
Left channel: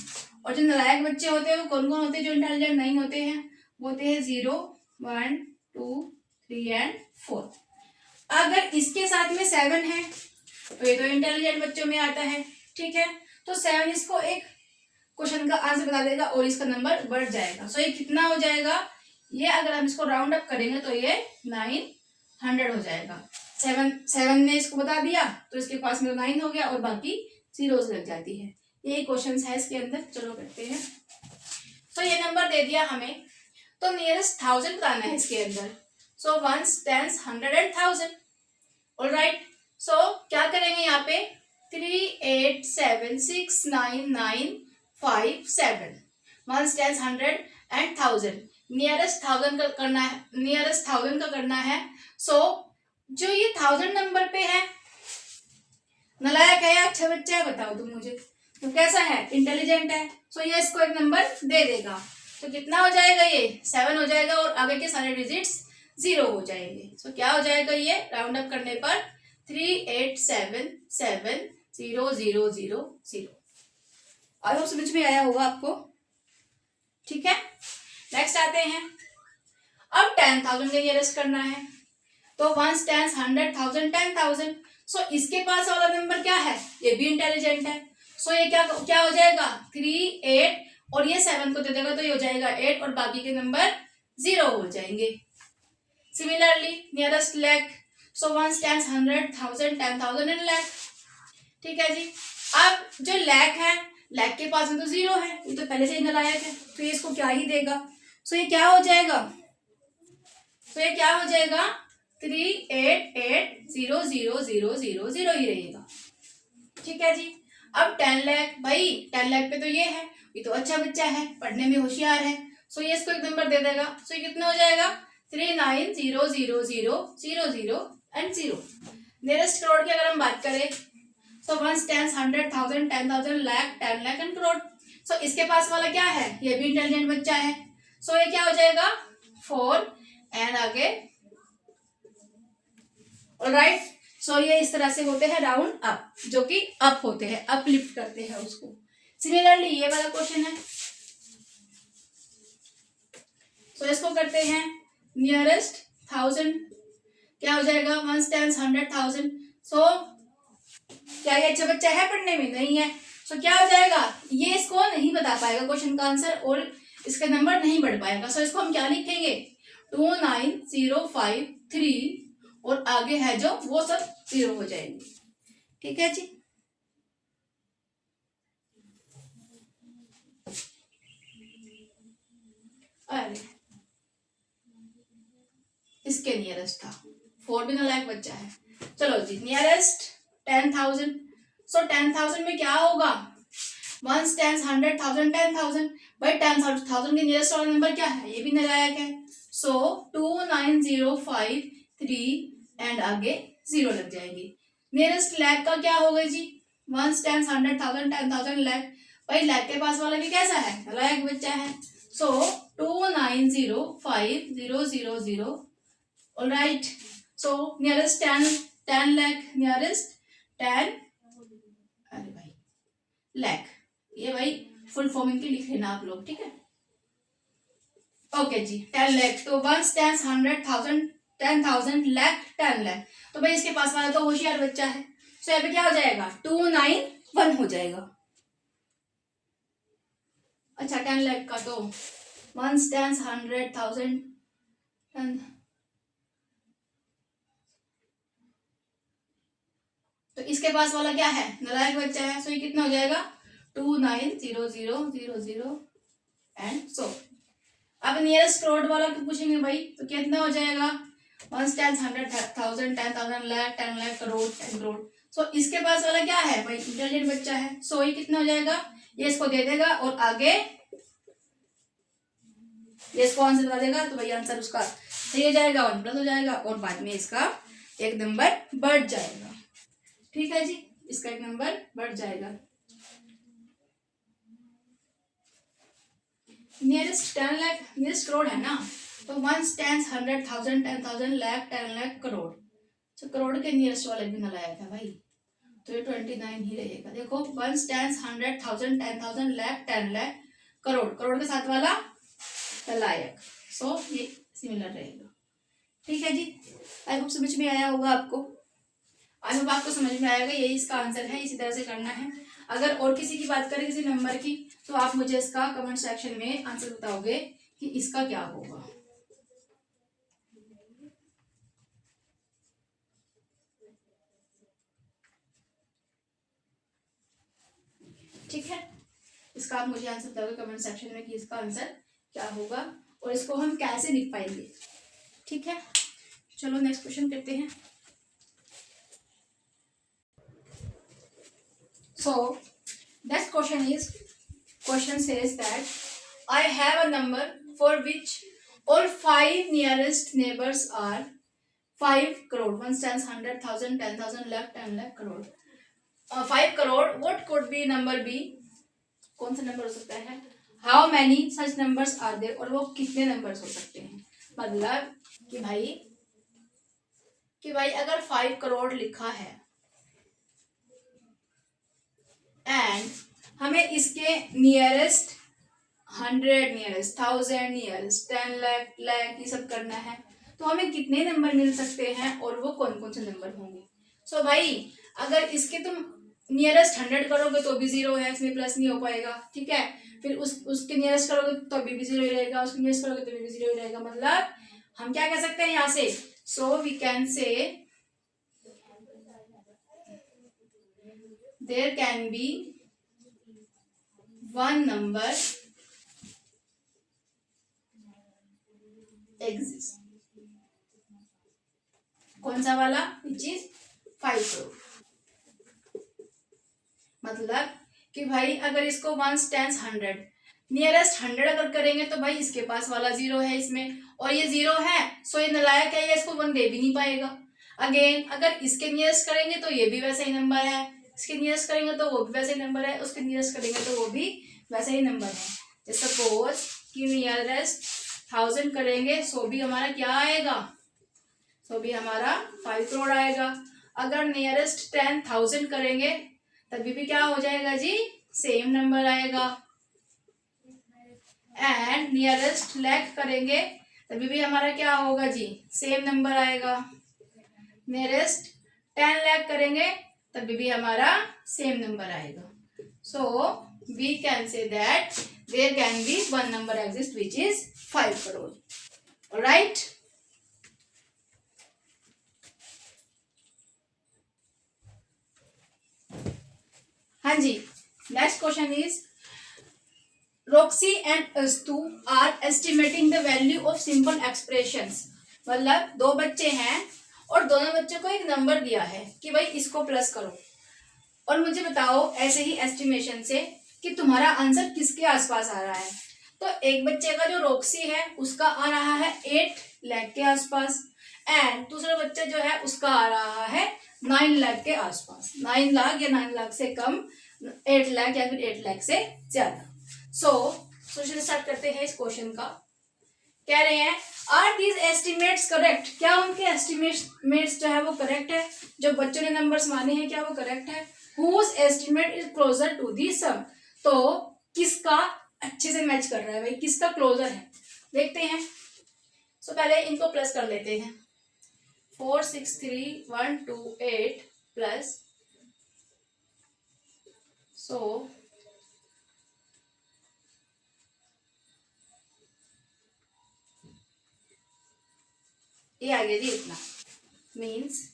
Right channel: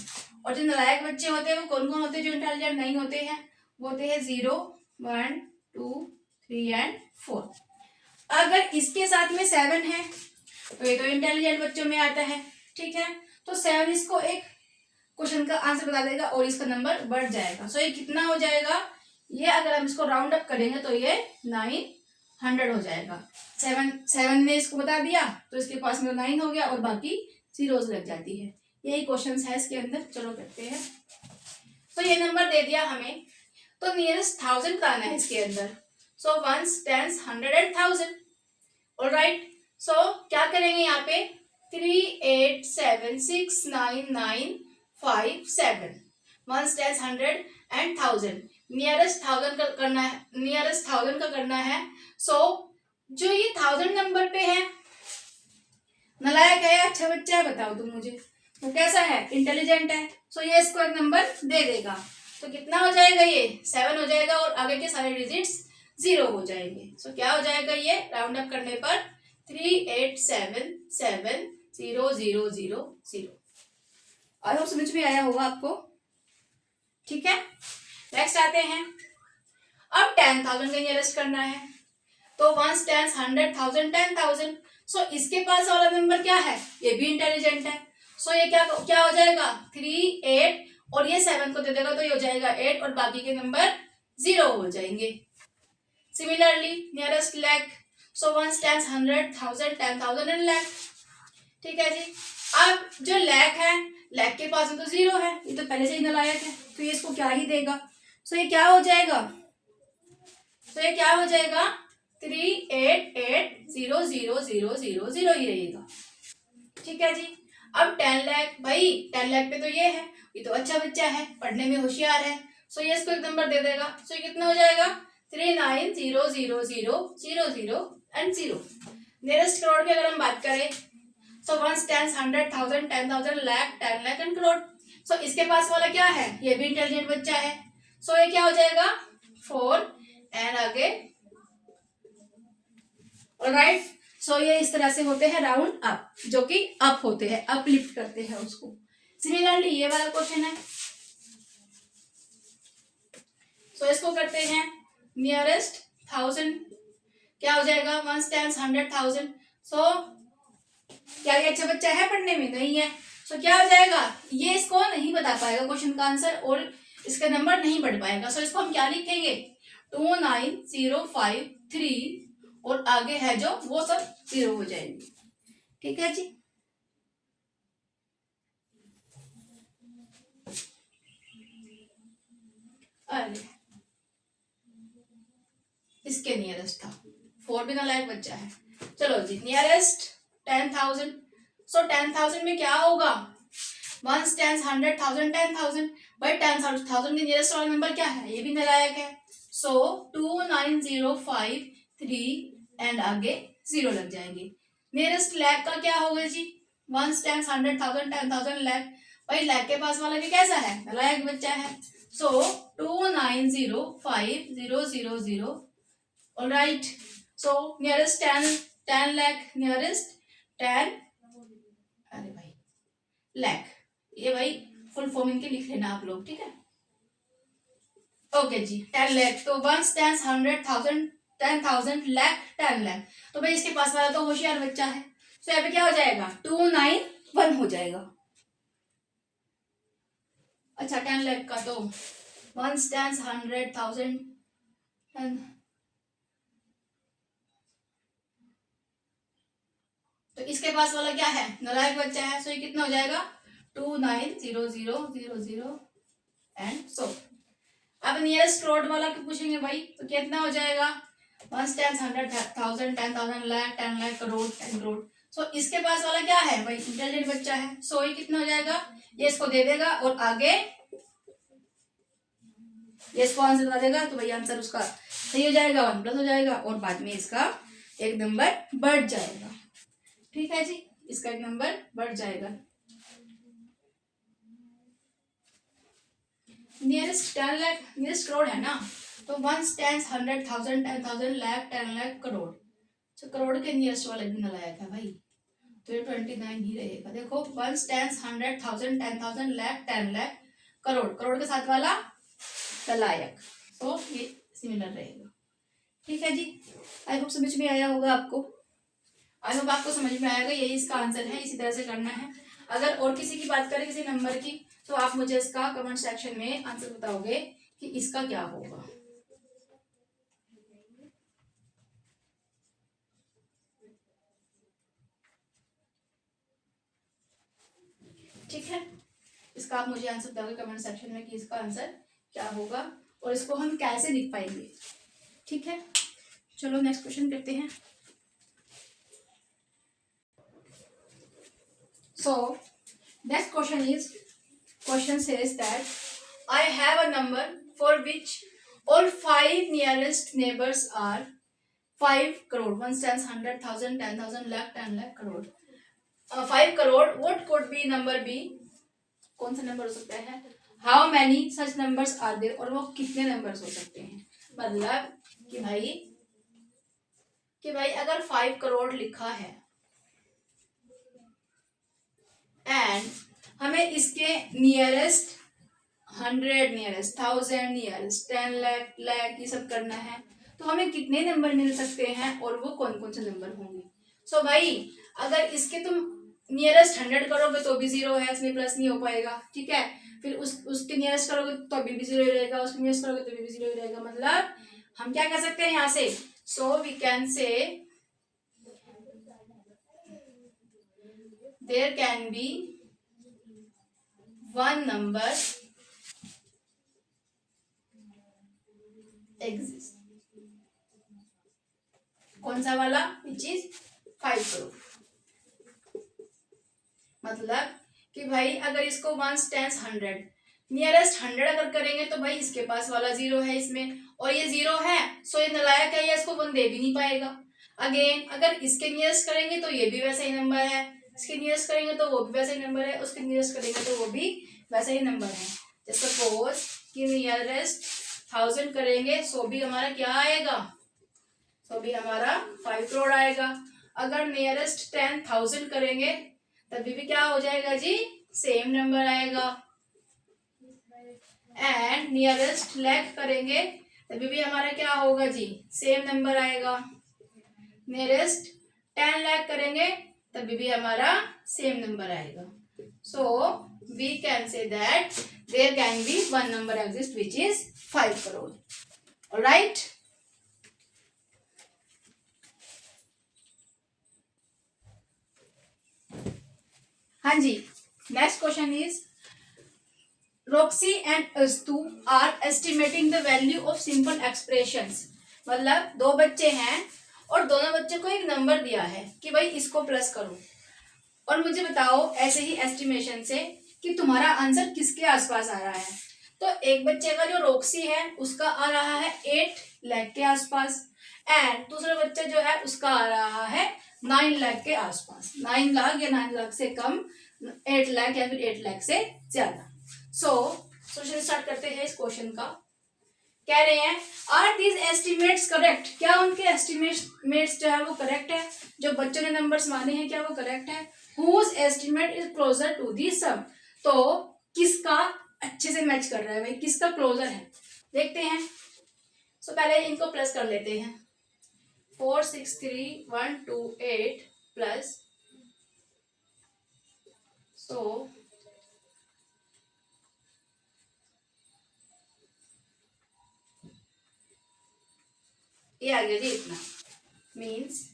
और जो नालायक बच्चे होते हैं वो कौन कौन होते हैं, जो इंटेलिजेंट नहीं होते हैं, वो होते हैं 0 1 2 3 एंड 4। अगर इसके साथ में 7 है तो ये तो इंटेलिजेंट बच्चों में आता है, ठीक है, तो 7 इसको एक क्वेश्चन का आंसर बता देगा और इसका नंबर बढ़ जाएगा। सो ये कितना हो जाएगा, ये अगर हम इसको राउंड अप करेंगे तो ये 900 हो जाएगा। 7 ने इसको बता दिया तो इसके पास में 9 हो गया और बाकी जीरोस लग जाती है। यही क्वेश्चन है इसके अंदर। चलो करते हैं। तो ये नंबर दे दिया हमें, तो नियरेस्ट 1000 बताना है इसके अंदर। सो 1s 10s 100 एंड 1000। ऑलराइट, सो क्या करेंगे यहाँ पे, 3 8 7 6 9 9 5 7, 1s 10s 100 एंड 1000। नियरेस्ट 1000 का करना है, नियरेस्ट 1000 का करना है। सो जो ये 1000 नंबर पे है, नालायक है या अच्छा बच्चा है बताओ तुम मुझे, तो कैसा है, इंटेलिजेंट है। सो ये इसको एक नंबर दे देगा, तो कितना हो जाएगा, ये 7 हो जाएगा और आगे के सारे डिजिट्स 0 हो जाएंगे। सो क्या हो जाएगा, ये राउंड अप करने पर 3 8 7 7 0 0 0 0। आई होप समझ में आया होगा आपको। ठीक है, नेक्स्ट आते हैं। अब 10,000 का नियरेस्ट करना है, तो 1 10 100,000 10,000। सो इसके पास वाला नंबर क्या है, ये भी इंटेलिजेंट है। सो ये क्या क्या हो जाएगा 3 8 और ये 7 को दे देगा तो ये हो जाएगा 8 और बाकी के नंबर 0 हो जाएंगे। Similarly nearest lakh, so 1 10 100,000 10,000 and lakh. ठीक है जी। अब जो लैख है, लैख के पास में तो 0 है, ये तो पहले से ही नालायक है, तो ये इसको क्या ही देगा। सो ये क्या हो जाएगा, तो ये क्या हो जाएगा 3 8 8 0 0 0 0 0 ही रहेगा। ठीक है जी। अब 10 लाख, भाई 10 लाख पे तो ये तो अच्छा बच्चा है, पढ़ने में होशियार है, सो ये इसको एक नंबर दे देगा। सो ये कितना हो जाएगा 3 9 0 0 0 0 0 एंड 0। नियरेस्ट करोड़ की अगर हम बात करें, सो 1 10 100,000 10,000 लाख 10 लाख एंड करोड़। सो इसके पास वाला क्या है, ये भी इंटेलिजेंट बच्चा है। सो ये क्या हो जाएगा 4 एंड आगे। ऑलराइट, सो ये इस तरह से होते हैं राउंड अप, जो कि अप होते हैं, अपलिफ्ट करते हैं उसको। सिमिलरली ये वाला क्वेश्चन है, सो इसको करते हैं नियरेस्ट 1000, क्या हो जाएगा 1 10 100,000। सो क्या ये अच्छा बच्चा है पढ़ने में, नहीं है। सो क्या हो जाएगा, ये इसको नहीं बता पाएगा क्वेश्चन का आंसर और इसका नंबर नहीं बढ़ पाएगा। सो इसको हम क्या लिखेंगे 29053 और आगे है जो वो सब 0 हो जाएंगे। ठीक है जी। अरे इसके नियरेस्ट था 4 भी नालायक बच्चा है। चलो जी, नियरेस्ट 10,000। सो 10,000 में क्या होगा 1 10 100,000 10,000। भाई 10,000 के नियरेस्ट वाला नंबर क्या है, ये भी नालायक है। सो 29053 एंड आगे 0 लग जाएंगे। नियरेस्ट लैख का क्या होगा जी 1 10 100,000 10,000 लैख। भाई लैख के पास वाला भी कैसा है, नालायक बच्चा है। सो 2905000। ऑलराइट, सो नियरेस्ट 10 लाख, नियरेस्ट 10, अरे भाई लैख, ये भाई फुल फॉर्म इनके लिख लेना आप लोग। ठीक है, ओके जी। 10 लाख, तो 1 10 100,000 10,000 लाख 10 लाख। तो भाई इसके पास वाला तो होशियार बच्चा है। सो यहाँ पे क्या हो जाएगा 291 हो जाएगा। अच्छा 10 लाख का तो 1 10 100,000 10, तो इसके पास वाला क्या है, नालायक बच्चा है। सो ये कितना हो जाएगा 2900000 एंड सो। अब नियरेस्ट करोड़ वाला क्यों पूछेंगे भाई, तो कितना हो जाएगा 1 10 100,000 10,000 लाख 10 लाख करोड़ 10 करोड़। सो इसके पास वाला क्या है भाई, इंटेलिजेंट बच्चा है। सो ये कितना हो जाएगा, ये इसको दे देगा और आगे ये इसको आंसर बता देगा, तो भाई आंसर उसका सही हो जाएगा, 1+ हो जाएगा और बाद में इसका एक नंबर बढ़ जाएगा। ठीक है जी, इसका एक नंबर बढ़ जाएगा। नियरेस्ट 10 लाख, नियरेस्ट करोड़ है ना, तो 1 10 100,000 10,000 लाख 10 लाख करोड़। तो करोड़ के नियरेस्ट वाले भी नालायक है भाई, तो ये 29 ही रहेगा। देखो 1 10 100,000 10,000 लाख 10 लाख करोड़, करोड़ के साथ वाला नालायक। सो ये सिमिलर रहेगा। ठीक है जी, आई होप समझ में आया होगा आपको। आई होप आपको समझ में आएगा, यही इसका आंसर है, इसी तरह से करना है। अगर और किसी की बात करें किसी नंबर की, तो आप मुझे इसका कमेंट सेक्शन में आंसर बताओगे कि इसका क्या होगा। ठीक है, इसका आप मुझे आंसर बताओगे कमेंट सेक्शन में कि इसका आंसर क्या होगा और इसको हम कैसे लिख पाएंगे। ठीक है, चलो नेक्स्ट क्वेश्चन करते हैं। So next question says that I have a number for which all 5 nearest neighbors are 5 crore 1 10 100,000 10,000 lakh 10 lakh crore 5 crore। what could be number be, कौन सा नंबर हो सकता है, how many such numbers are there, और वो कितने numbers हो सकते हैं। मतलब कि भाई अगर 5 करोड़ लिखा है एंड हमें इसके nearest 100, nearest 1000, nearest 10 lakh lakh ये सब करना है। तो हमें कितने नंबर मिल सकते हैं और वो कौन कौन से नंबर होंगे। सो भाई अगर इसके तुम नियरेस्ट 100 करोगे तो भी 0 है, इसमें प्लस नहीं हो पाएगा, ठीक है। फिर उसके नियरेस्ट करोगे तो अभी भी 0 ही रहेगा, उसके नियरेस्ट करोगे तो भी 0 ही रहेगा। मतलब हम क्या कह सकते हैं यहाँ से, so we can say there can be one number exist. कौन सा वाला, विच इज 5 करोड़। मतलब कि भाई अगर इसको 1 टेंस 100, नियरेस्ट 100 अगर करेंगे तो भाई इसके पास वाला 0 है इसमें, और ये 0 है, सो ये नालायक है, ये इसको 1 दे भी नहीं पाएगा। अगेन अगर इसके नियरेस्ट करेंगे तो ये भी वैसा ही नंबर है, इसके नियरेस्ट करेंगे तो वो भी वैसा ही नंबर है, उसके नियरेस्ट करेंगे तो वो भी वैसा ही नंबर है। जैसे सपोज कि नियरेस्ट 1000 करेंगे, सो भी हमारा क्या आएगा, सो भी हमारा 5 करोड़ आएगा। अगर नियरेस्ट 10,000 करेंगे तभी भी क्या हो जाएगा जी, सेम नंबर आएगा। एंड नियरेस्ट लाख करेंगे तभी भी हमारा क्या होगा जी, सेम नंबर आएगा। नियरेस्ट 10 लाख करेंगे तभी भी हमारा सेम नंबर आएगा। So we can say that there can be one number exist which is 5 crore. Alright, हाँ जी। Next question is Roxy and Astu are estimating the value of simple expressions. मतलब दो बच्चे हैं और दोनों बच्चों को एक नंबर दिया है कि भाई इसको प्लस करो और मुझे बताओ ऐसे ही एस्टिमेशन से कि तुम्हारा आंसर किसके आसपास आ रहा है। तो एक बच्चे का जो रोक्सी है उसका आ रहा है 8 लाख के आसपास, एंड दूसरा बच्चा जो है उसका आ रहा है 9 लाख के आसपास। 9 लाख या 9 लाख से कम, 8 लाख या फिर 8 लाख से ज्यादा। सो सोल्यूशन स्टार्ट करते हैं इस क्वेश्चन का। कह रहे हैं आर दीज एस्टिमेट्स करेक्ट, क्या उनके एस्टिमेट्स जो है वो करेक्ट है, जो बच्चों ने नंबर्स माने हैं क्या वो करेक्ट है। Whose estimate is closer to the sum, तो किसका अच्छे से मैच कर रहा है भाई, किसका क्लोजर है, देखते हैं। सो पहले इनको प्लस कर लेते हैं। 4 6 3 1 2 8 प्लस, सो ये आ गया जी इतना, मीन्स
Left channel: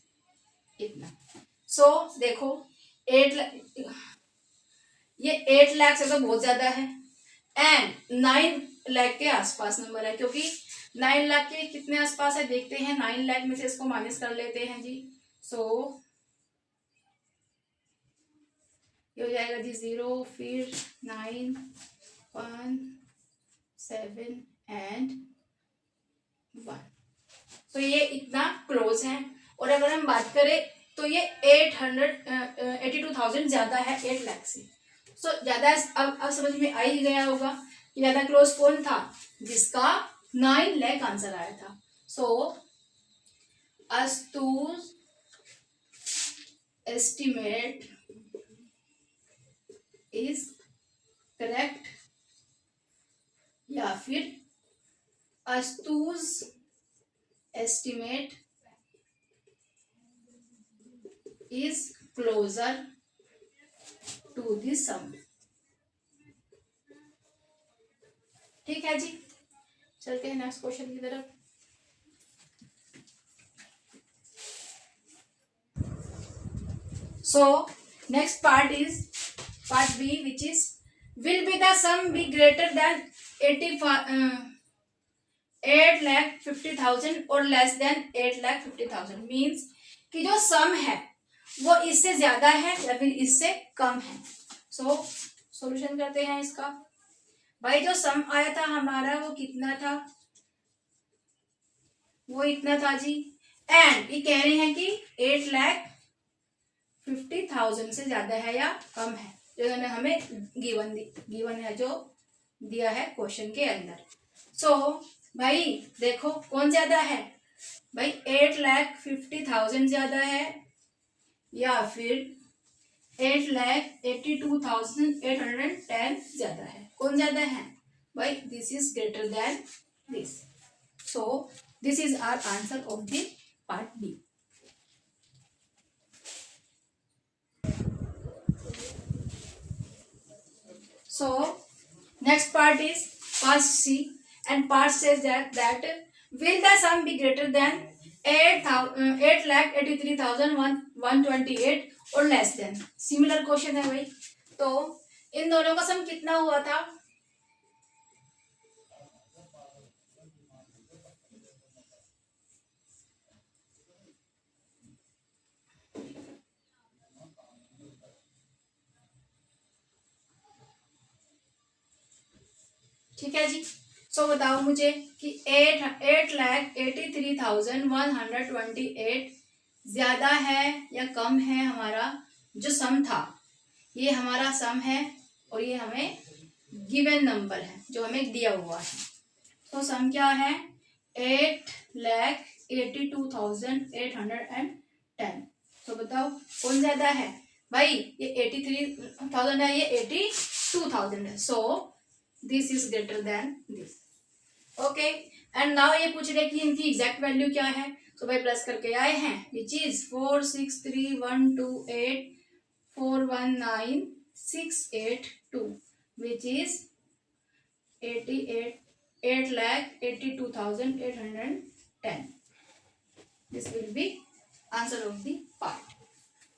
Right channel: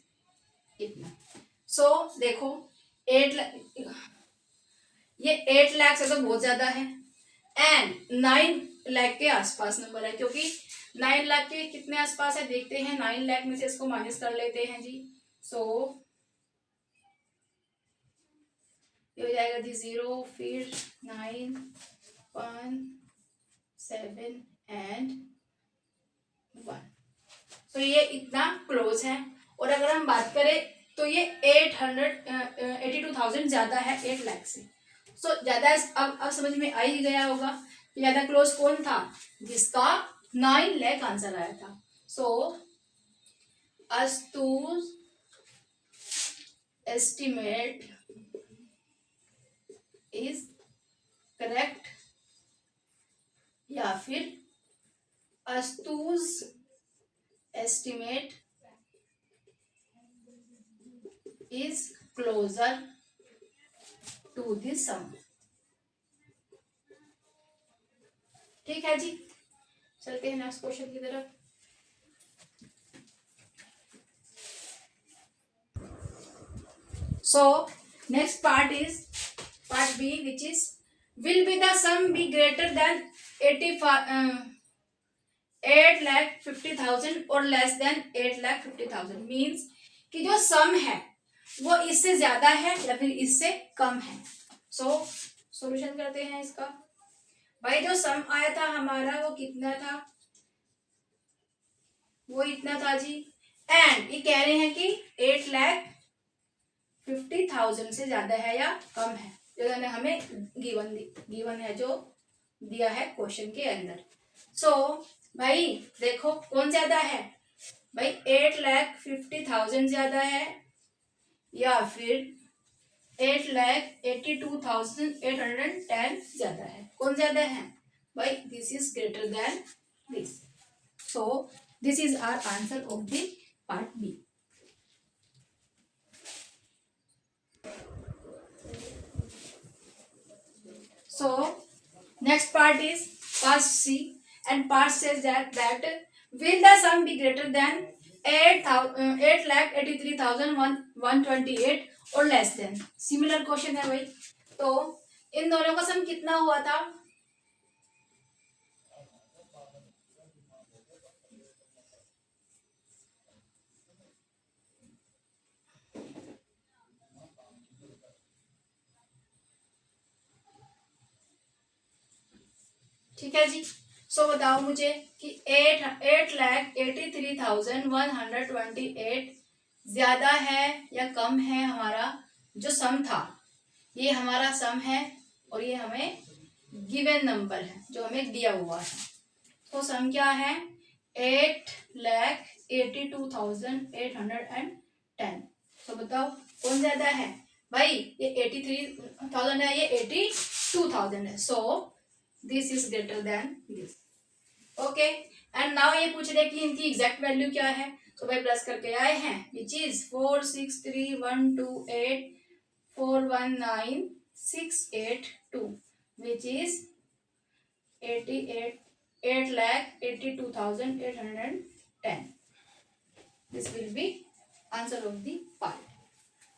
इतना। सो देखो 8 लाख, ये 8 लाख से तो बहुत ज्यादा है, एंड 9 लाख के आसपास नंबर है, क्योंकि 9 लाख के कितने आसपास है देखते हैं। 9 लाख में से इसको माइनस कर लेते हैं जी। सो ये हो जाएगा जी 0, फिर 9 1 7 एंड 1। तो ये इतना क्लोज है। और अगर हम बात करें तो ये 82,000 ज्यादा है 8 लाख से। सो ज्यादा अब समझ में आ ही गया होगा कि ज्यादा क्लोज कौन था, जिसका 9 लाख आंसर आया था। सो अस्तु's एस्टिमेट इज करेक्ट, या फिर अस्तु's estimate is closer to the sum। ठीक है जी, चलते हैं नेक्स्ट क्वेश्चन की तरफ। So next part is part B which is will be the sum B greater than 8,50,000 और लेस देन 8,50,000। मीन्स कि जो सम है वो इससे ज्यादा है या फिर इससे कम है। सो सॉल्यूशन करते हैं इसका। भाई जो सम आया था हमारा वो कितना था, वो इतना था जी, एंड ये कह रहे हैं कि 8,50,000 से ज्यादा है या कम है, जो इन्होंने हमें गिवन है, जो दिया है क्वेश्चन के अंदर। सो भाई देखो कौन ज्यादा है भाई, 8,50,000 ज्यादा है या फिर 8,82,810 ज्यादा है। कौन ज्यादा है भाई? This is greater than this. So this is our answer of the part B. So next part is part C, and part says that will the sum be greater than 8,83,128 or less than? Similar question है भाई। तो इन दोनों का सम कितना हुआ था? ठीक है जी। सो बताओ मुझे कि 8,83,128 ज्यादा है या कम है? हमारा जो सम था, ये हमारा सम है और ये हमें गिवन नंबर है जो हमें दिया हुआ है। तो सम क्या है? 8,82,810। तो बताओ कौन ज्यादा है भाई? ये 83,000 है, ये 82,000 है। सो this is greater than this. Okay, and now ये पूछ रहे कि इनकी एग्जैक्ट वैल्यू क्या है। तो भाई प्लस करके आए हैं, which is 463,128,419,682, which is 8,82,810। This will be answer of the part.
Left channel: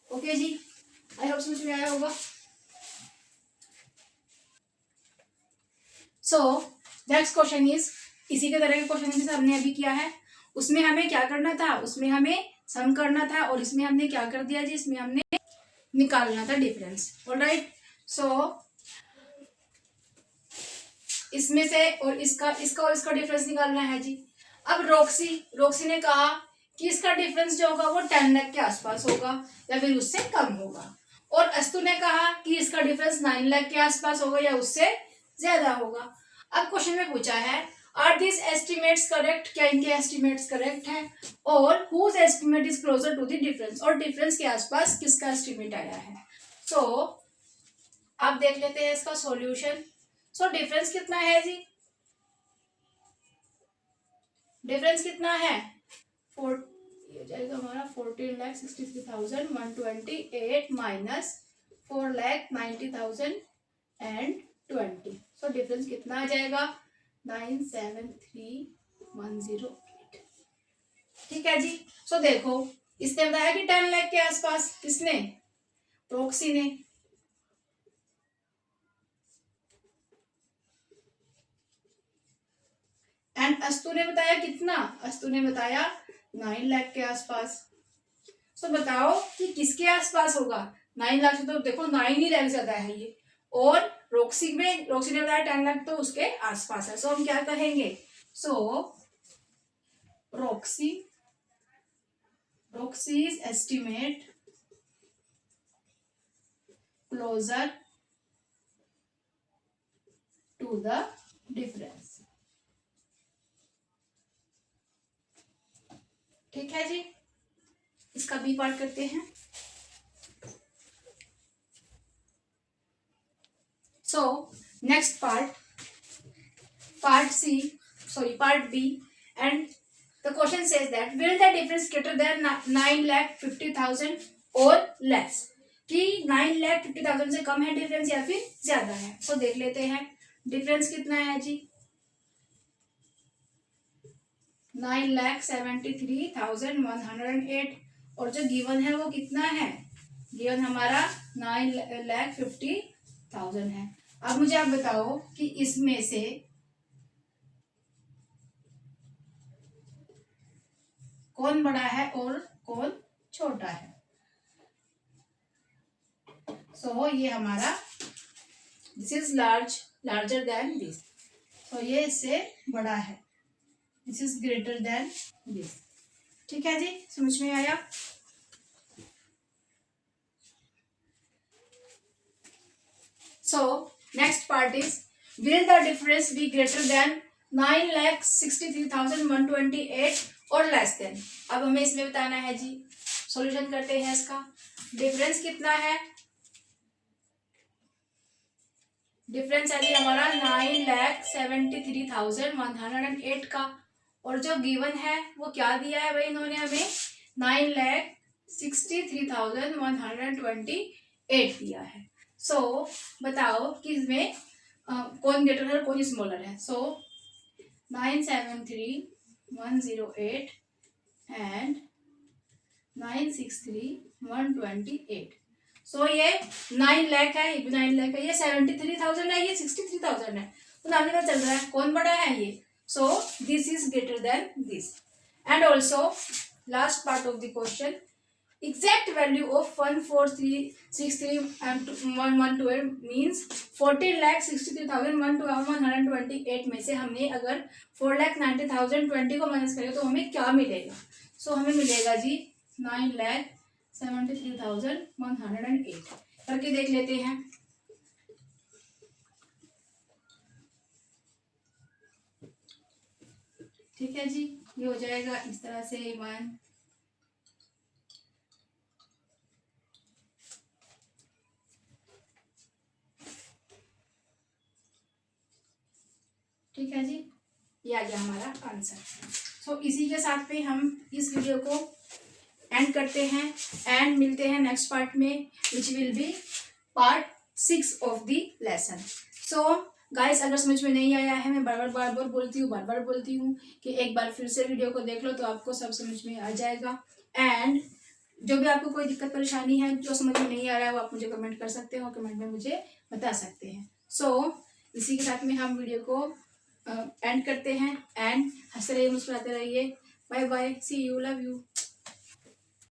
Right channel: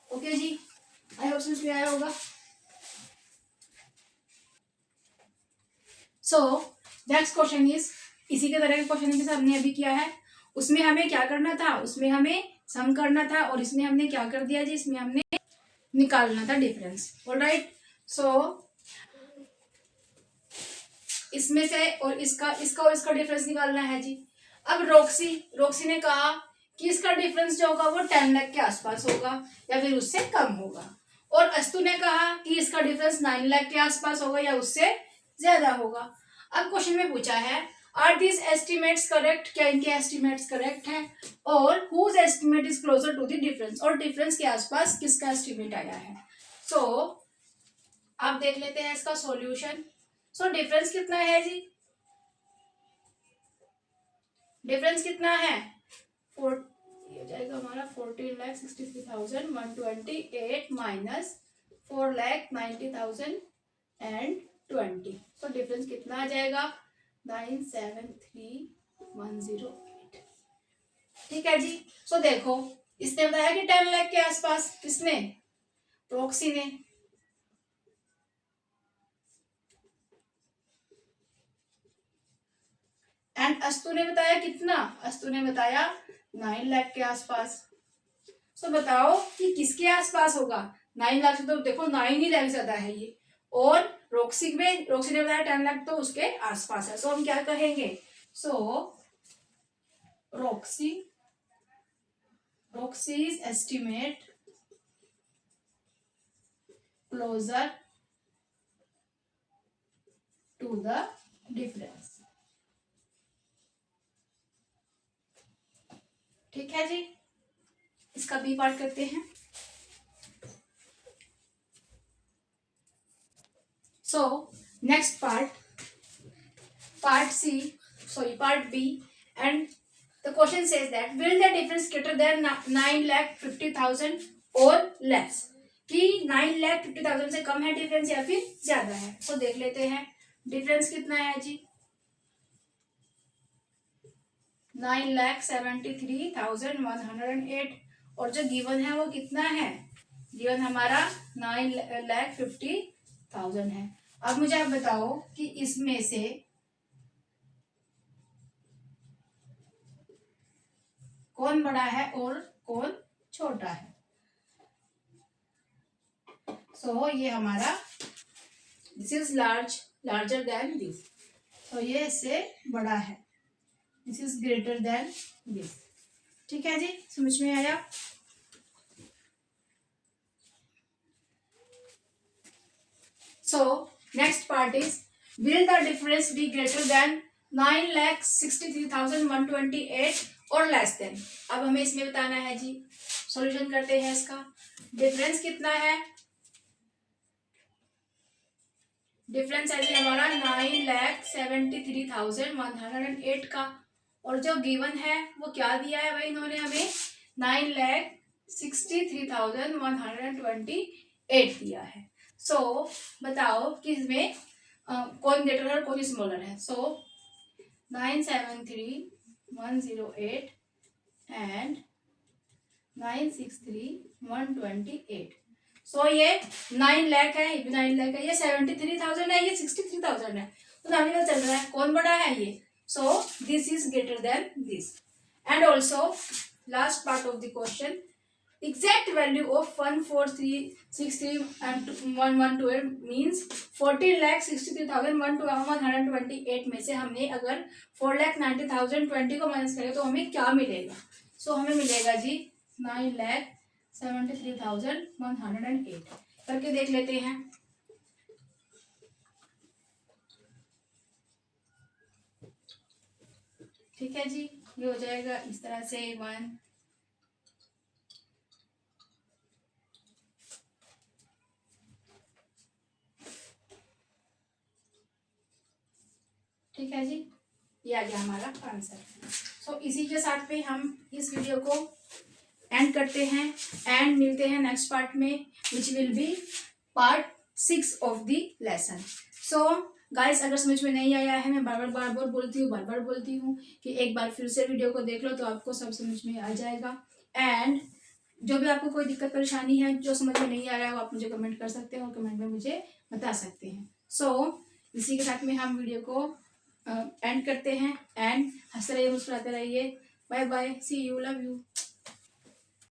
Okay जी, आई होप समझ में आया होगा। सो नेक्स्ट क्वेश्चन इज, इसी के तरह के क्वेश्चन जैसे हमने अभी किया है, उसमें हमें क्या करना था? उसमें हमें सम करना था, और इसमें हमने क्या कर दिया जी? इसमें हमने निकालना था डिफरेंस। ऑलराइट, सो इसमें से और इसका और इसका डिफरेंस निकालना है जी। अब रोक्सी ने कहा कि इसका डिफरेंस जो होगा वो 10 लाख के आसपास होगा या फिर उससे कम होगा, और अस्तु ने कहा कि इसका डिफरेंस 9 लाख के आसपास होगा या उससे ज्यादा होगा। अब क्वेश्चन में पूछा है, आर दिस एस्टिमेट्स करेक्ट? क्या इनके एस्टिमेट्स करेक्ट है? और whose estimate is closer to the difference? और डिफरेंस के आसपास किसका एस्टिमेट आया है? सो आप देख लेते हैं इसका सॉल्यूशन। सो डिफरेंस कितना है जी? डिफरेंस कितना है? ये हो जाएगा हमारा 14,63,128 माइनस 4,90,020। सो डिफरेंस कितना आ जाएगा? 973,108। ठीक है जी। सो देखो, इसने बताया कि 10 लाख के आसपास। किसने? प्रोक्सी ने। एंड अस्तु ने बताया कितना? अस्तु ने बताया 9 लाख के आसपास। सो बताओ कि किसके आसपास होगा? 9 लाख से तो देखो 9 ही लाख ज्यादा है ये, और रोक्सी ने बताया 10 लाख, तो उसके आसपास है। सो हम क्या कहेंगे? सो रोक्सी's estimate closer to the difference। ठीक है जी, इसका बी पार्ट करते हैं। सो next part B, and the question says that will the difference greater than 9,50,000 or less? कि 9,50,000 से कम है डिफरेंस या फिर ज्यादा है। सो देख लेते हैं डिफरेंस कितना है जी। 9,73,108, और जो गिवन है वो कितना है? गिवन हमारा 9,50,000 है। अब मुझे आप बताओ कि इसमें से कौन बड़ा है और कौन छोटा है? सो ये हमारा this is larger than this, so ये इससे बड़ा है, this is greater than this. ठीक है जी, समझ में आया? So next part is, will the difference be greater than 9,63,128 और लेस देन? अब हमें इसमें बताना है जी। सॉल्यूशन करते हैं इसका। डिफरेंस कितना है? डिफरेंस है जी हमारा 9,73,108 का, और जो गिवन है वो क्या दिया है भाई, इन्होंने हमें 9,63,128 दिया है। सो बताओ कि इसमें कौन ग्रेटर है और कौन स्मॉलर है। सो 973,108 एंड 963,128। सो ये 9 लाख है, ये भी 9 लाख है, ये 73,000 है, ये 63,000 है। तो नाम का चल रहा है कौन बड़ा है ये। सो this is greater than this. And also last part of the question, exact value of 1,4,3,63,128 means 40,63,128 में से हमने अगर 4,90,020 को माइनस करें तो हमें क्या मिलेगा। सो हमें मिलेगा जी 9,73,108। करके देख लेते हैं। ठीक है जी, ये हो जाएगा इस तरह से 1, ठीक है जी, ये आ गया हमारा आंसर। सो इसी के साथ पे हम इस वीडियो को एंड करते हैं एंड मिलते हैं नेक्स्ट पार्ट में, which will be part 6 of the lesson. So guys, अगर समझ में नहीं आया है, मैं बार बार बोलती हूँ कि एक बार फिर से वीडियो को देख लो तो आपको सब समझ में आ जाएगा। एंड जो भी आपको कोई दिक्कत परेशानी है, जो समझ में नहीं आ रहा है, वो आप मुझे कमेंट कर सकते हो, कमेंट में मुझे बता सकते हैं। सो इसी के साथ में हम वीडियो को एंड करते हैं एंड हंसते रहिए, मुस्कुराते रहिए। Bye bye, see you, love you.